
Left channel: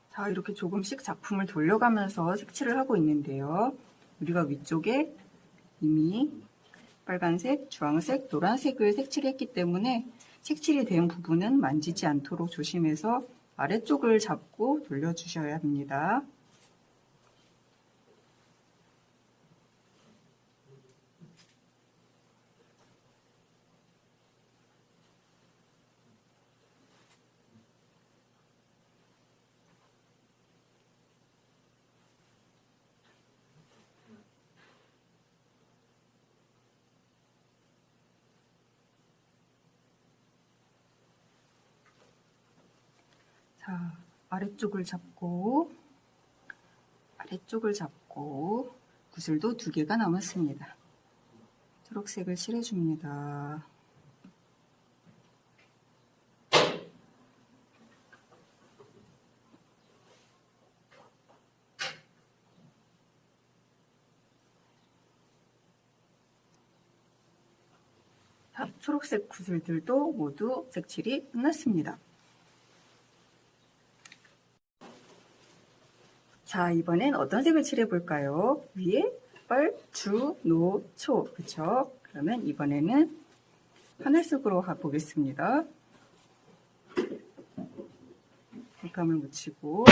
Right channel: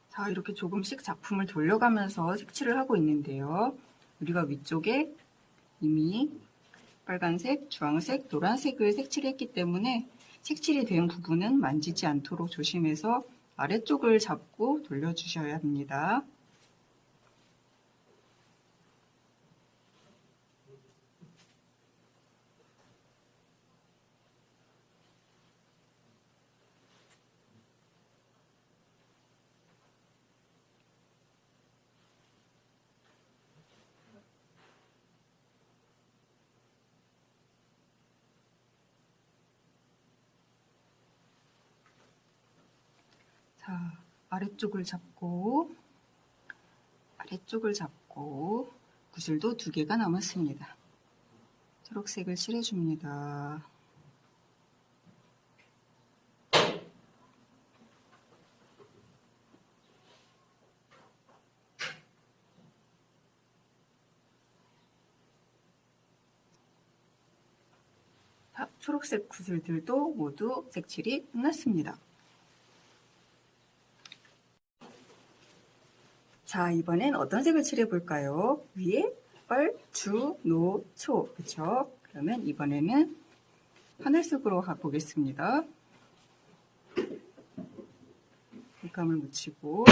자, 이렇게 조금씩 작품을 돌려가면서 색칠을 하고 있는데요. 우리가 위쪽에 이미 빨간색, 주황색, 노란색을 색칠했기 때문에 색칠이 된 부분은 만지지 않도록 조심해서 아래쪽을 잡고 돌려주셔야 합니다. 자, 아래쪽을 잡고 구슬도 2개가 남았습니다. 초록색을 칠해줍니다. 초록색 구슬들도 모두 색칠이 끝났습니다. 자, 이번엔 어떤 색을 칠해 볼까요? 위에 빨, 주, 노, 초. 그쵸? 그러면 이번에는 하늘색으로 가보겠습니다. 물감을 묻히고,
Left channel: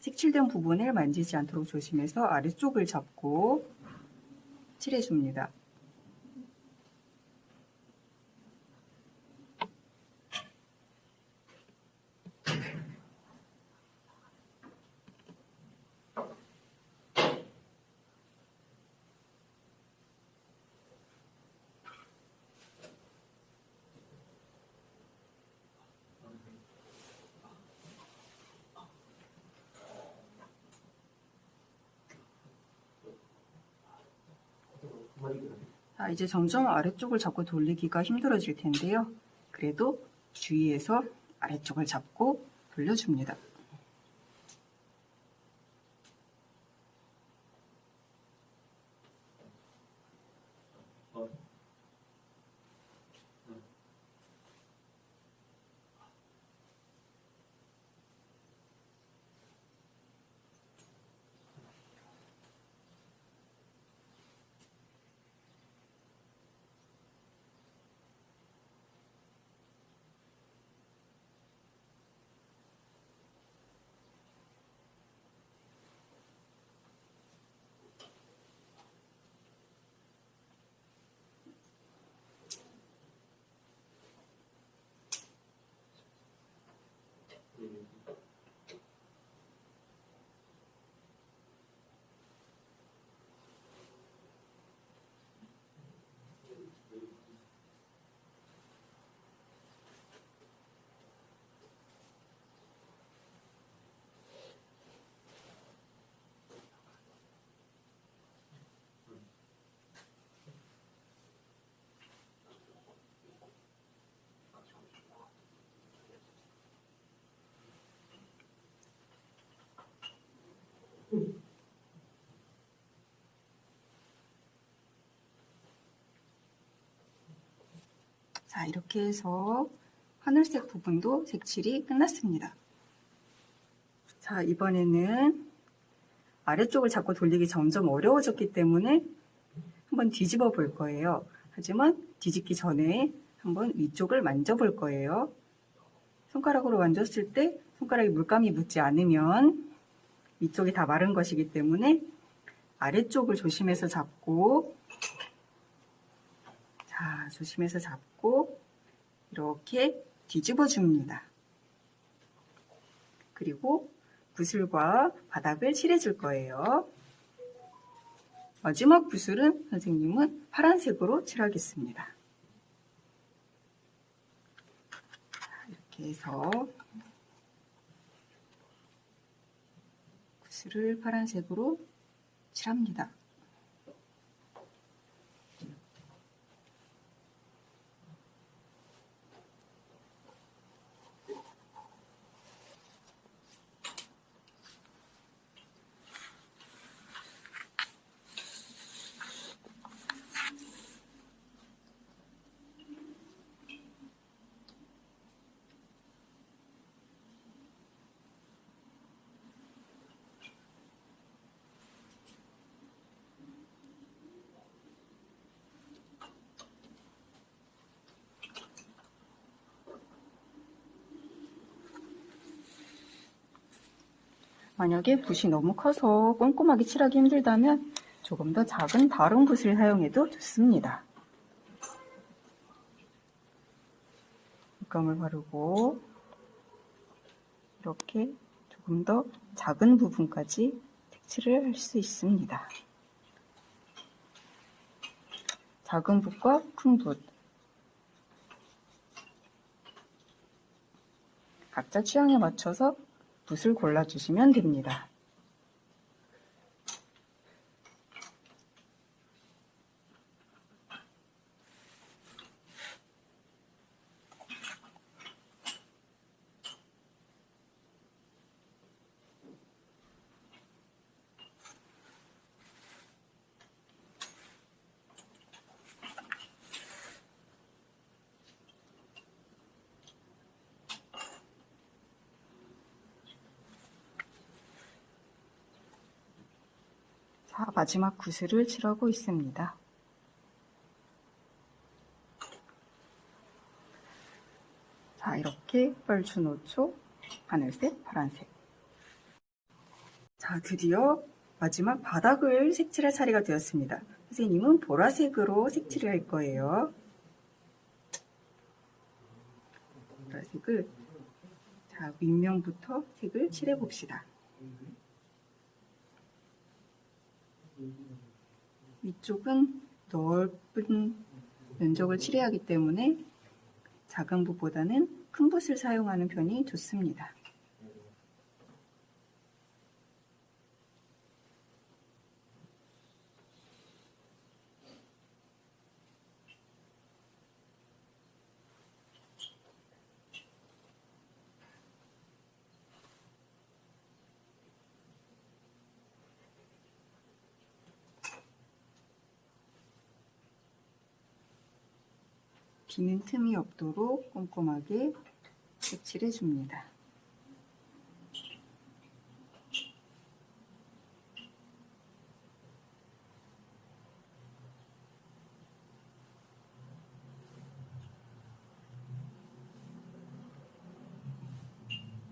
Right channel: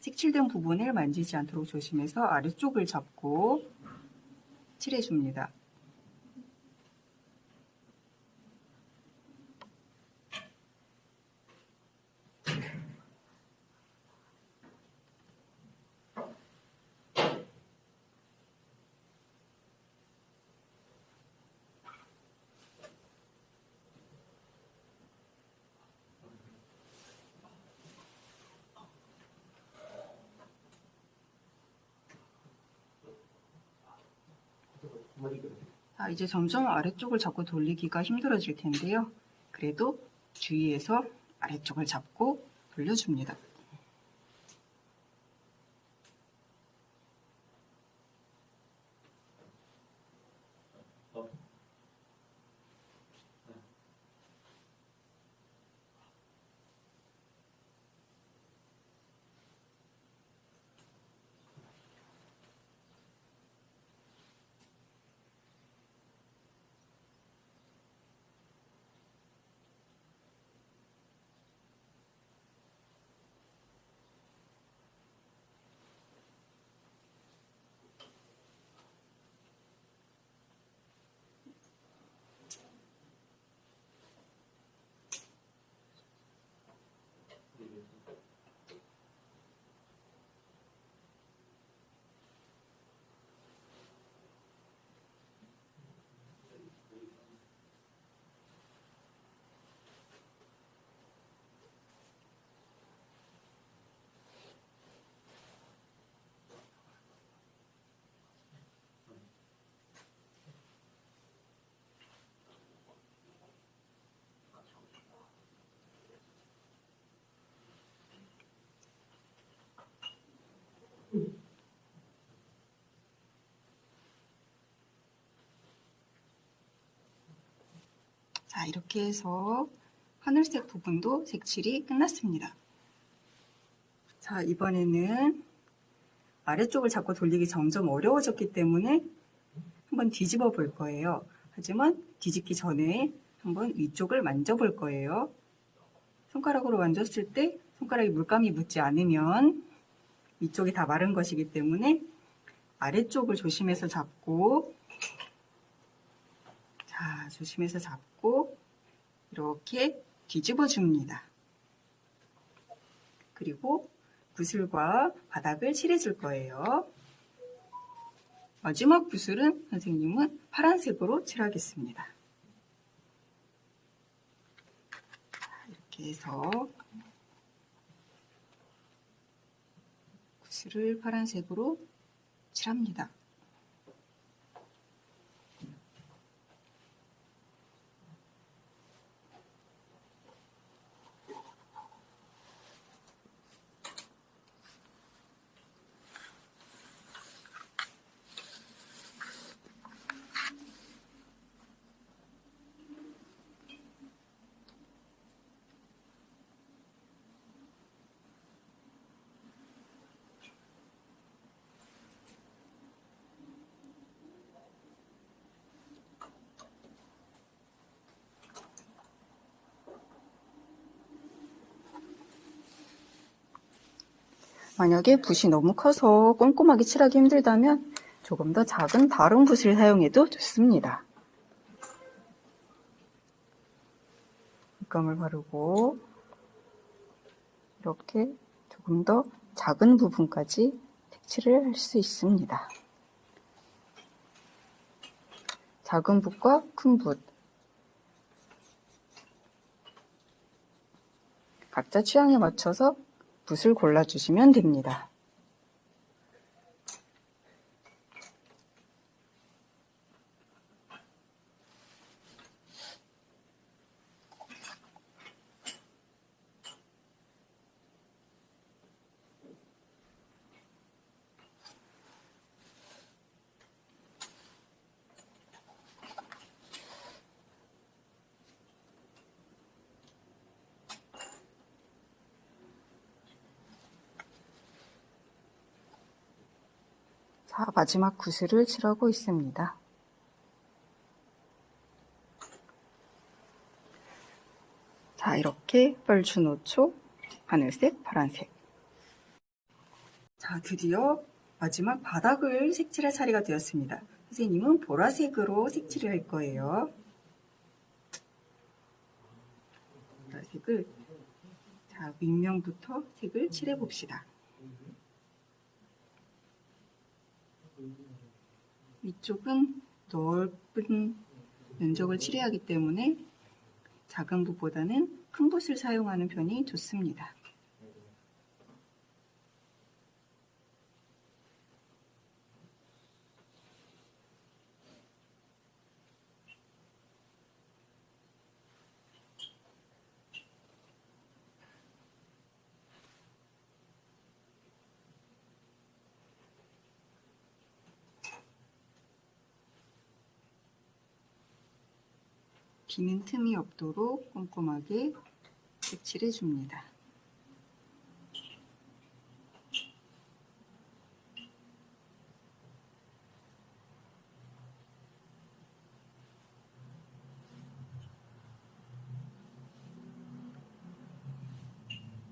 색칠된 부분을 만지지 않도록 조심해서 아래쪽을 잡고 칠해줍니다. 자, 이제 점점 아래쪽을 잡고 돌리기가 힘들어질 텐데요. 그래도 주의해서 아래쪽을 잡고 돌려줍니다. 자, 이렇게 해서 하늘색 부분도 색칠이 끝났습니다. 자, 이번에는 아래쪽을 잡고 돌리기 점점 어려워졌기 때문에 한번 뒤집어 볼 거예요. 하지만 뒤집기 전에 한번 위쪽을 만져볼 거예요. 손가락으로 만졌을 때 손가락에 물감이 묻지 않으면 위쪽이 다 마른 것이기 때문에 아래쪽을 조심해서 잡고, 자, 조심해서 잡고 이렇게 뒤집어 줍니다. 그리고 붓을과 바닥을 칠해줄 거예요. 마지막 붓을은 선생님은 파란색으로 칠하겠습니다. 이렇게 해서 붓을 파란색으로 칠합니다. 만약에 붓이 너무 커서 꼼꼼하게 칠하기 힘들다면 조금 더 작은 다른 붓을 사용해도 좋습니다. 물감을 바르고 이렇게 조금 더 작은 부분까지 색칠을 할 수 있습니다. 작은 붓과 큰 붓 각자 취향에 맞춰서 붓을 골라주시면 됩니다. 자, 마지막 구슬을 칠하고 있습니다. 자, 이렇게 뻘주노초, 하늘색, 파란색. 자, 드디어 마지막 바닥을 색칠할 차례가 되었습니다. 선생님은 보라색으로 색칠을 할 거예요. 보라색을, 자, 윗면부터 색을 칠해 봅시다. 위쪽은 넓은 면적을 칠해야 하기 때문에 작은 붓보다는 큰 붓을 사용하는 편이 좋습니다. 비는 틈이 없도록 꼼꼼하게 색칠해 줍니다.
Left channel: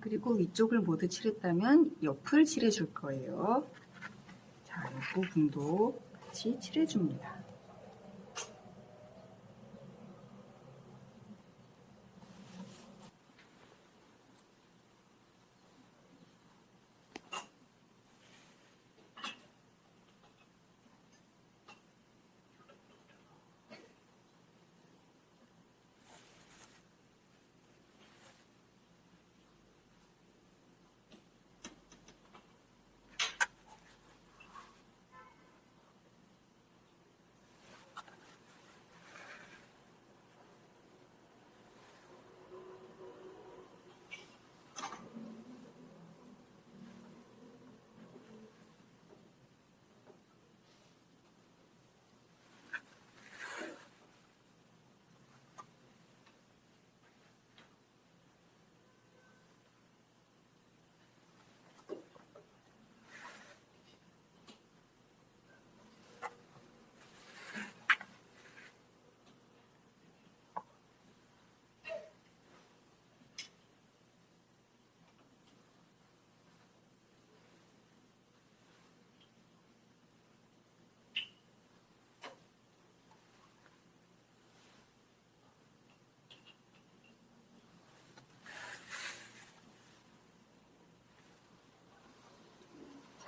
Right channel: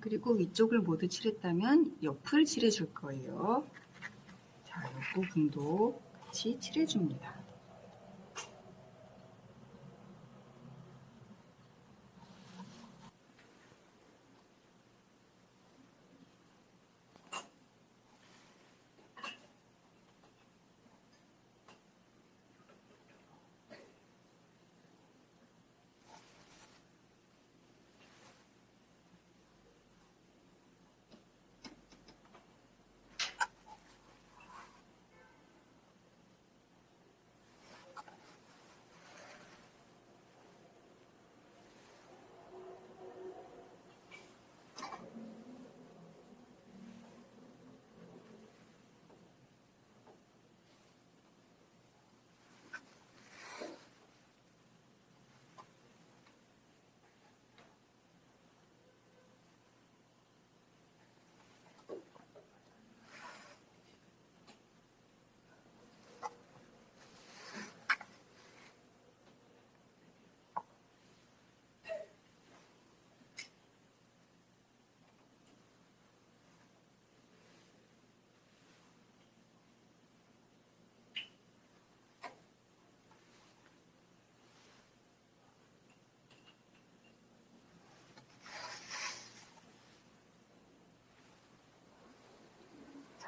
그리고 위쪽을 모두 칠했다면 옆을 칠해 줄 거예요. 자, 이 부분도 같이 칠해 줍니다.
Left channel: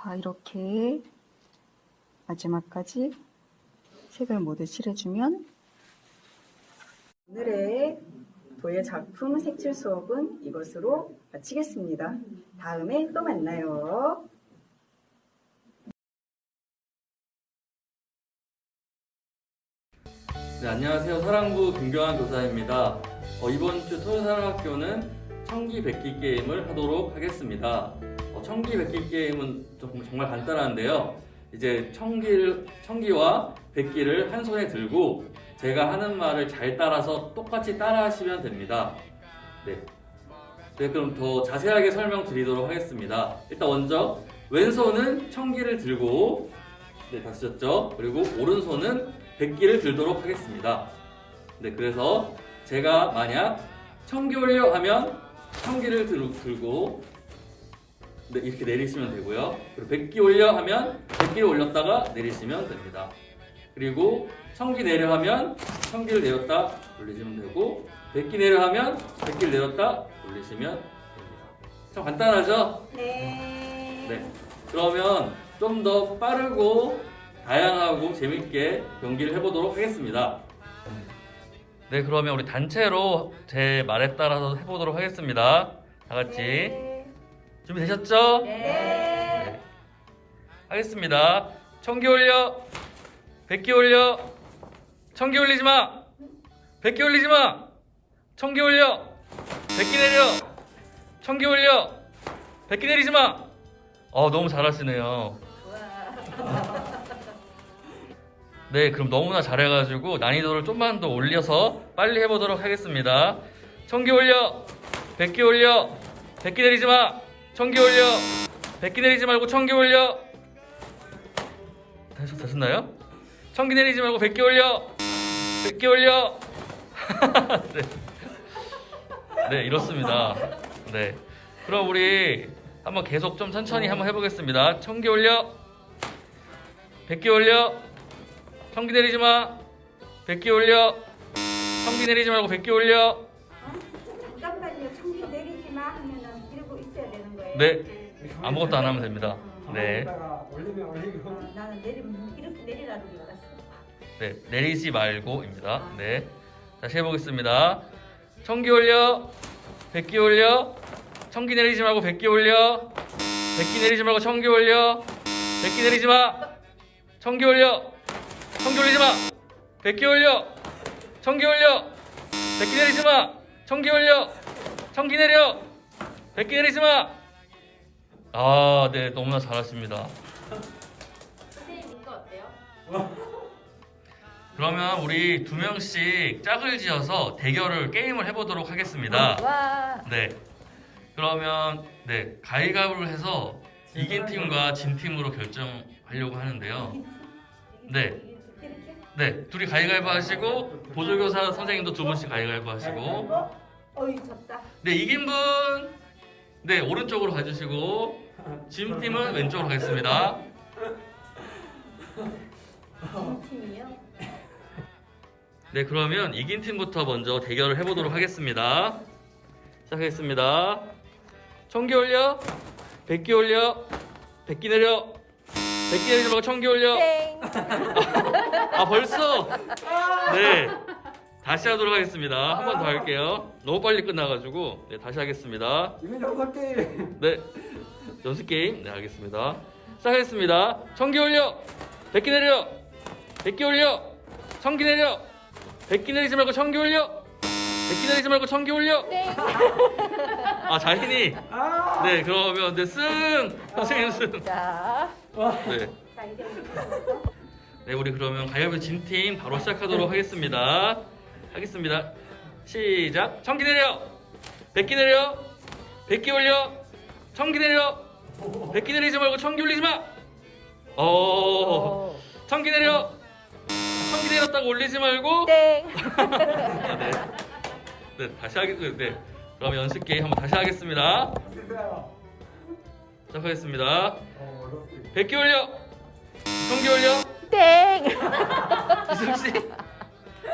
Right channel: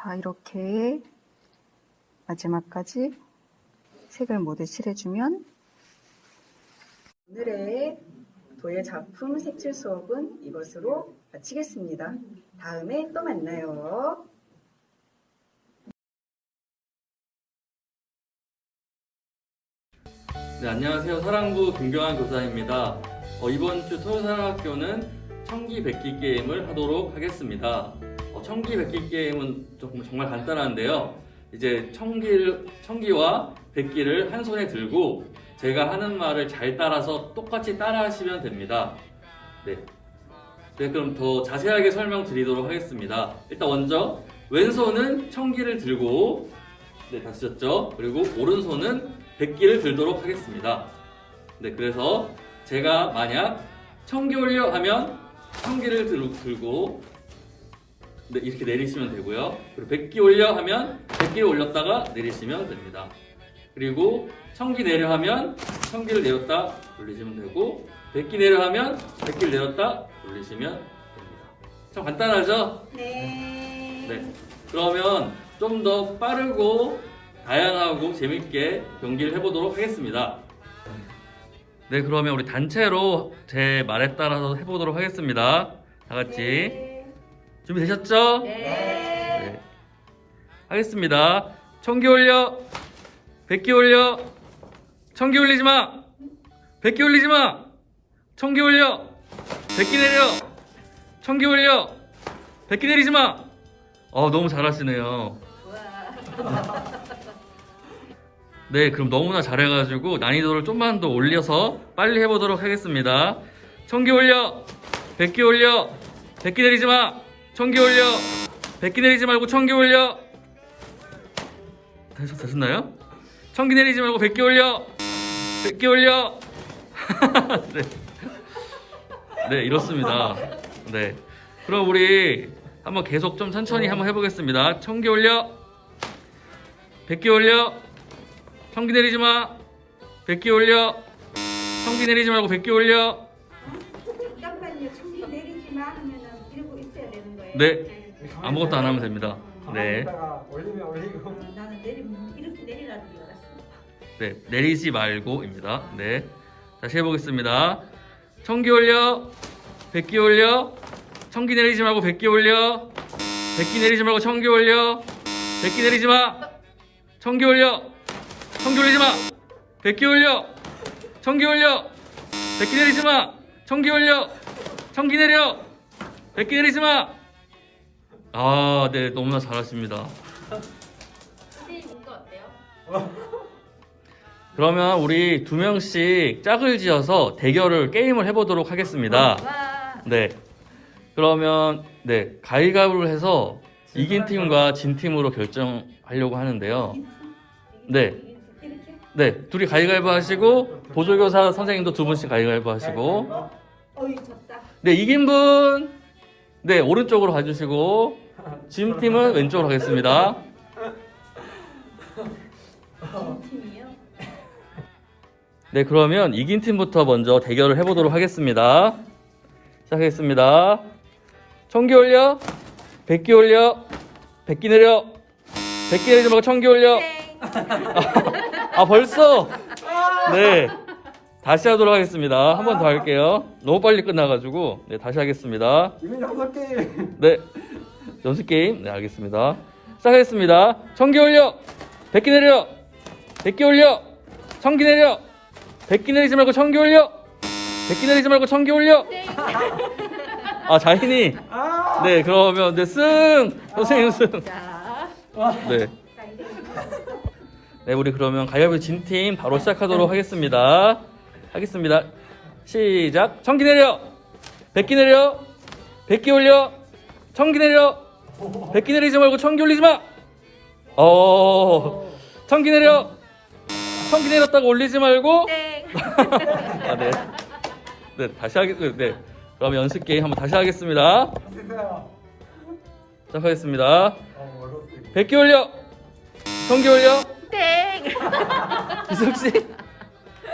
자, 이렇게 마지막까지 색을 모두 칠해주면 오늘의 도예 작품 색칠 수업은 이것으로 마치겠습니다. 다음에 또 만나요. 네, 안녕하세요. 사랑부 김경환 교사입니다. 이번 주 토요사랑학교는 청기백기 게임을 하도록 하겠습니다. 청기백기 게임은 정말 간단한데요. 이제 청기와 백기를 한 손에 들고 제가 하는 말을 잘 따라서 똑같이 따라 하시면 됩니다. 네, 그럼 더 자세하게 설명드리도록 하겠습니다. 일단 먼저 왼손은 청기를 들고 다시 쳤죠. 그리고 오른손은 백기를 들도록 하겠습니다. 네, 그래서 제가 만약 청기 올려 하면 청기를 들고 이렇게 내리시면 되고요. 그리고 백기 올려 하면 백기를 올렸다가 내리시면 됩니다. 그리고 청기 내려 하면 청기를 내렸다 올리시면 되고, 백기 내려 하면 백기를 내렸다 올리시면 됩니다. 참 간단하죠? 네. 그러면 좀 더 빠르고 다양하고 재밌게 경기를 해보도록 하겠습니다. 네, 그러면 우리 단체로 제 말에 따라서 해보도록 하겠습니다. 다 같이 준비되셨죠? 네. 하겠습니다. 청기 올려, 백기 올려, 청기 올리지 마, 백기 올리지 마, 청기 올려, 백기 내려, 청기 올려, 백기 내리지 마. 너무 잘하시네요. 네, 그럼 너무나 잘해가지고 난이도를 좀만 더 올려서 빨리 해보도록 하겠습니다. 청기 올려, 백기 올려, 백기 내리지 마, 청기 올려, 백기 내리지 말고 청기 올려. 되셨나요? 청기 내리지 말고 백기 올려, 백기 올려. 네. 네, 이렇습니다. 네, 그럼 우리 한번 계속 좀 천천히 한번 해보겠습니다. 청기 올려, 백기 올려, 청기 내리지 마, 백기 올려, 청기 내리지 말고 백기 올려. 잠깐만요. 청기 내리지 마 하면은 들고 있어야 되는 거예요. 네, 아무것도 안 하면 됩니다. 네, 올리면 올리고. 나는 내리면 이렇게 내리라는 줄 알았습니다. 네, 내리지 말고입니다. 네, 다시 해보겠습니다. 청기 올려, 백기 올려, 청기 내리지 말고 백기 올려, 백기 내리지 말고 청기 올려, 백기 내리지 마, 청기 올려, 청기 올리지 마, 백기 올려, 청기 올려, 백기 내리지 마, 청기 올려, 청기 내려, 백기 내리지 마. 네, 너무나 잘하십니다. 선생님 이거 어때요? 그러면 우리 2명씩 짝을 지어서 대결을 게임을 해보도록 하겠습니다. 네. 그러면 네 가위바위보를 해서 이긴 팀과 진 팀으로 결정하려고 하는데요. 네. 네, 둘이 가위바위보 하시고 보조교사 선생님도 2분씩 가위바위보 하시고. 네, 이긴 분 네, 오른쪽으로 가주시고 진 팀은 왼쪽으로 가겠습니다. 네, 그러면 이긴 팀부터 먼저 대결을 해보도록 하겠습니다. 시작하겠습니다. 청기 올려, 백기 올려, 백기 내려, 백기 내리지 말고 청기 올려. 아, 벌써? 네. 다시 하도록 하겠습니다. 한 번 더 할게요. 너무 빨리 끝나가지고. 네, 다시 하겠습니다. 이미 6개. 네. 연습 게임. 네, 알겠습니다. 시작하겠습니다. 청기 올려, 백기 내려, 백기 올려, 청기 내려, 백기 내리지 말고 청기 올려, 백기 내리지 말고 청기 올려. 아, 자신이. 네, 그러면 네, 승! 선생님 승. 네. 네, 우리 그러면 가위바위보 진 팀 바로 시작하도록 하겠습니다. 시작. 청기 내려, 백기 내려, 백기 올려, 청기 내려, 백기 내리지 말고 청기 올리지 마. 청기 내려, 청기 내렸다고 올리지 말고. 아, 네. 네, 다시 하겠습니다. 네. 그럼 연습 게임 한번 다시 하겠습니다. 시작하겠습니다. 백기 올려, 청기 올려. 이승 씨,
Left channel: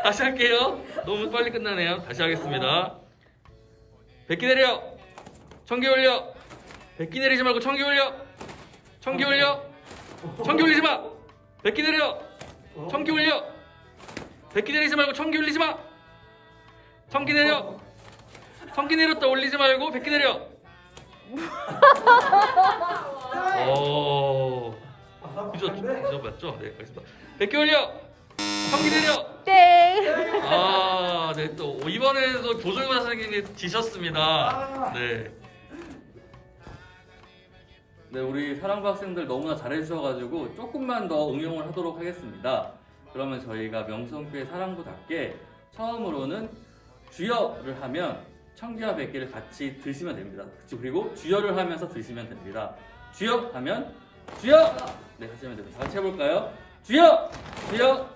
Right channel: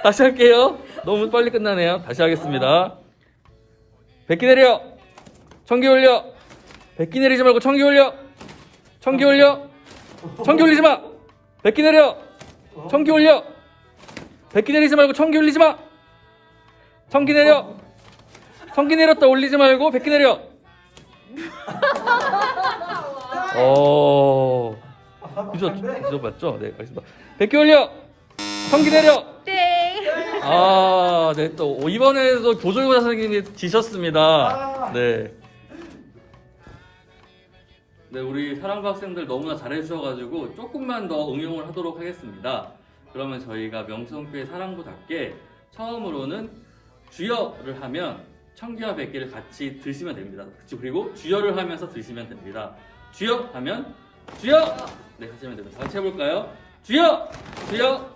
다시 할게요. 너무 빨리 끝나네요. 다시 하겠습니다. 백기 내려, 청기 올려, 백기 내리지 말고 청기 올려, 청기 올려, 청기 올리지 마. 백기 내려, 청기 올려, 백기 내리지 말고 청기 올리지 마. 청기 내려, 청기 내렸다 올리지 말고 백기 내려. 그죠 맞죠? 네, 알겠습니다. 백기 올려, 청기 내려. 아, 네, 또 이번에도 조정관 선생님이 지셨습니다. 네. 네, 우리 사랑부 학생들 너무나 잘해주셔가지고 조금만 더 응용을 하도록 하겠습니다. 그러면 저희가 명성교회 사랑부답게 처음으로는 주여를 하면 청기와 백기를 같이 드시면 됩니다. 그리고 주여를 하면서 드시면 됩니다. 주여 하면 주여! 네, 하시면 됩니다. 다 같이 해볼까요? 주여! 주여!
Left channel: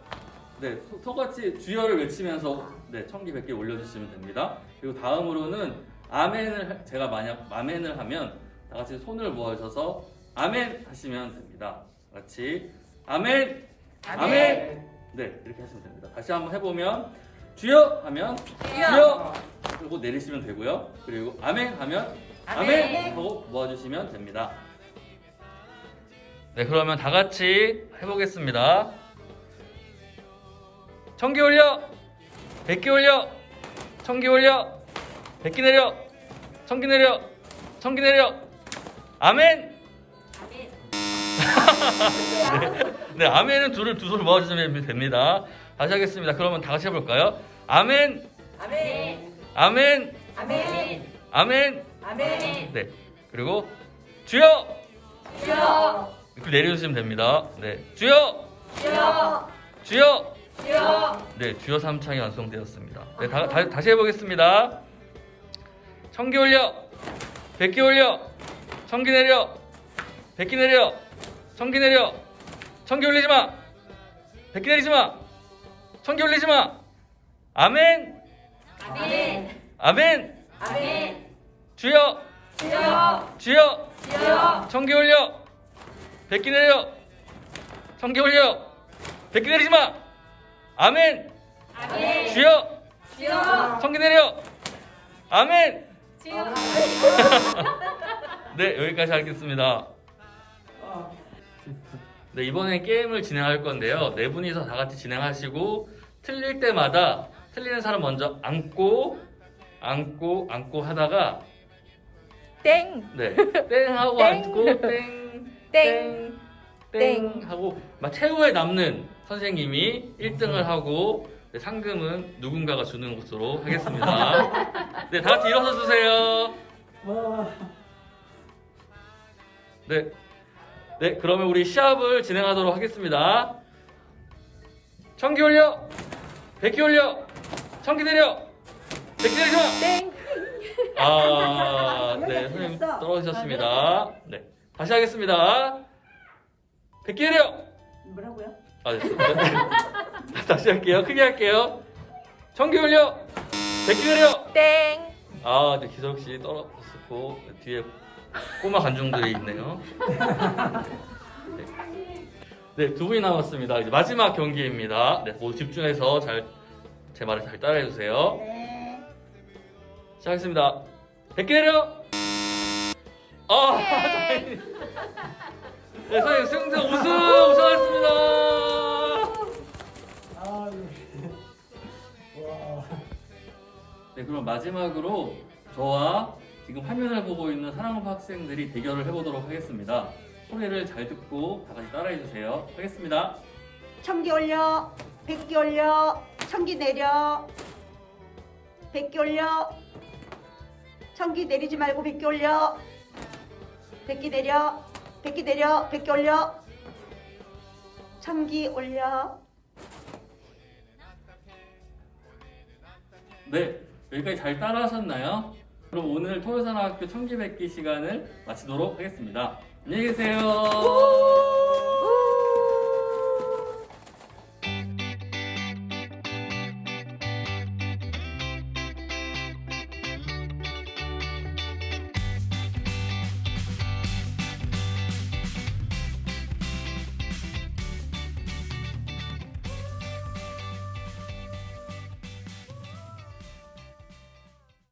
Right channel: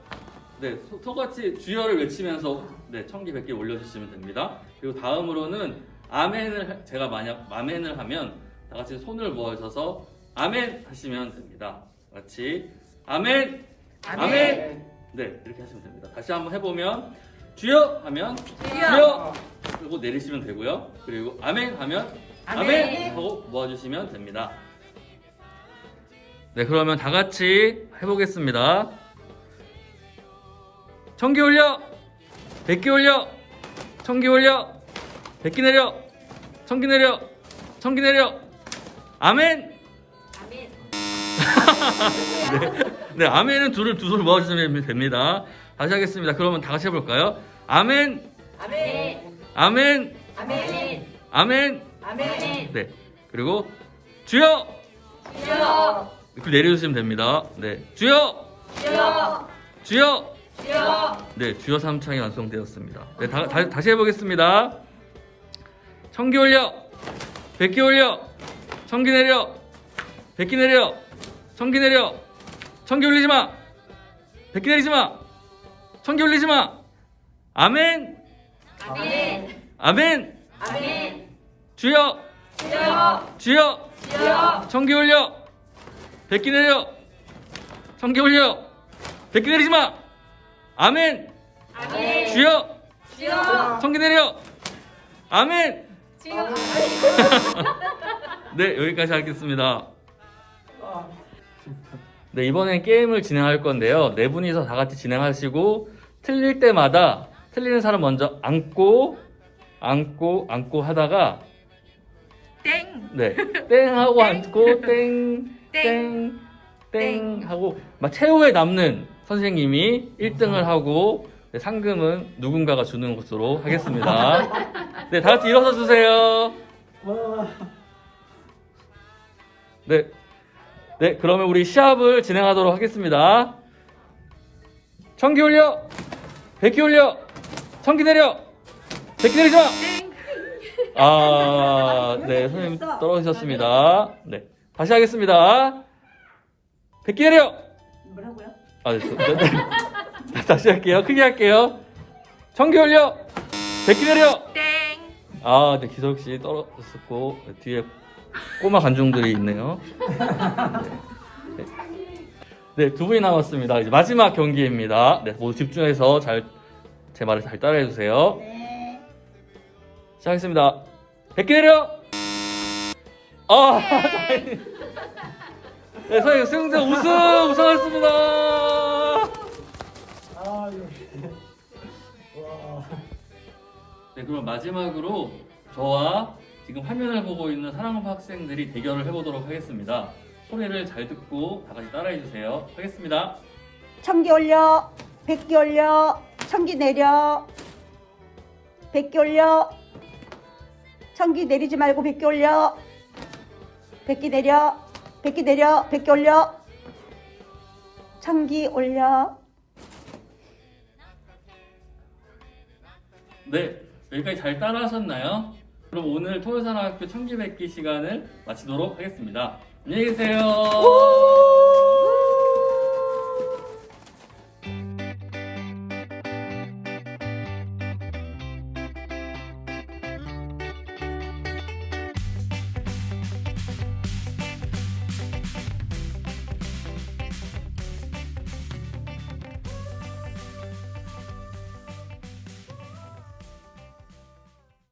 네, 똑같이 주여를 외치면서 네, 청기 백기 올려주시면 됩니다. 그리고 다음으로는 아멘을 제가 만약 아멘을 하면 다 같이 손을 모아주셔서 아멘 하시면 됩니다. 같이 아멘! 아멘! 네, 이렇게 하시면 됩니다. 다시 한번 해보면 주여 하면 주여! 그리고 내리시면 되고요. 그리고 아멘 하면 아멘! 하고 모아주시면 됩니다. 네, 그러면 다 같이 해보겠습니다. 청기 올려, 백기 올려, 청기 올려, 백기 내려, 청기 내려, 청기 내려. 아멘! 네, 네, 아멘은 두 손 모아주시면 됩니다. 다시 하겠습니다. 그러면 다 같이 해볼까요? 아멘! 아멘! 아멘! 아멘! 아멘! 아멘! 네, 그리고 주여! 주여! 이렇게 내려주시면 됩니다. 네, 주여! 주여! 주여! 주여! 네, 주여 삼창이 완성되었습니다. 네, 다시 해보겠습니다. 청기 올려, 백기 올려, 청기 내려, 백기 내려, 청기 내려, 청기 올리지 마, 백기 내리지 마, 청기 올리지 마. 아멘! 아멘! 아멘! 아멘! 주여! 주여! 주여! 주여! 청기 올려, 백기 내려, 청기 올려, 백기 내리지 마. 아멘! 아멘! 주여! 주여! 청기 내려! 아멘! 주여! 네, 여기까지 하겠습니다. 네, 이번엔 게임을 진행할 건데요. 네 분이서 다 같이 진행하시고 틀릴 때마다 틀리는 사람 먼저 안고 하다가 땡! 네, 땡 하고 앉고 땡 하고 막 최후에 남는 선생님이 1등을 하고 네, 상금은 누군가가 주는 것으로 하겠습니다. 네, 다 같이 일어서 주세요. 네, 그러면 우리 시합을 진행하도록 하겠습니다. 청기 올려. 백기 올려. 청기 내려. 백기 내리지 마. 아, 네, 선생님 떨어지셨습니다. 네, 다시 하겠습니다. 백기 내려. 뭐라고요? 아, 네. 다시 할게요. 크게 할게요. 청기 올려. 백기 내려. 아, 네, 기석 씨 떨어졌고 뒤에 꼬마 관중들이 있네요. 네, 두 분이 남았습니다. 이제 마지막 경기입니다. 네, 모두 집중해서 제 말을 잘 따라해 주세요. 네. 시작하겠습니다. 백기 내려. 아, 네, 선생님 승자 우승하셨습니다. 아, 예. 네, 그럼 마지막으로 저와 지금 화면을 보고 있는 사랑하는 학생들이 대결을 해보도록 하겠습니다. 소리를 잘 듣고 다 같이 따라해 주세요. 하겠습니다. 청기 올려. 백기 올려. 청기 내려. 백기 올려. 청기 내리지 말고 백기 올려. 백기 내려. 백기 내려. 백기 올려. 청기 올려. 네, 여기까지 잘 따라하셨나요? 그럼 오늘 토요사랑학교 청기백기 시간을 마치도록 하겠습니다. 안녕히 계세요.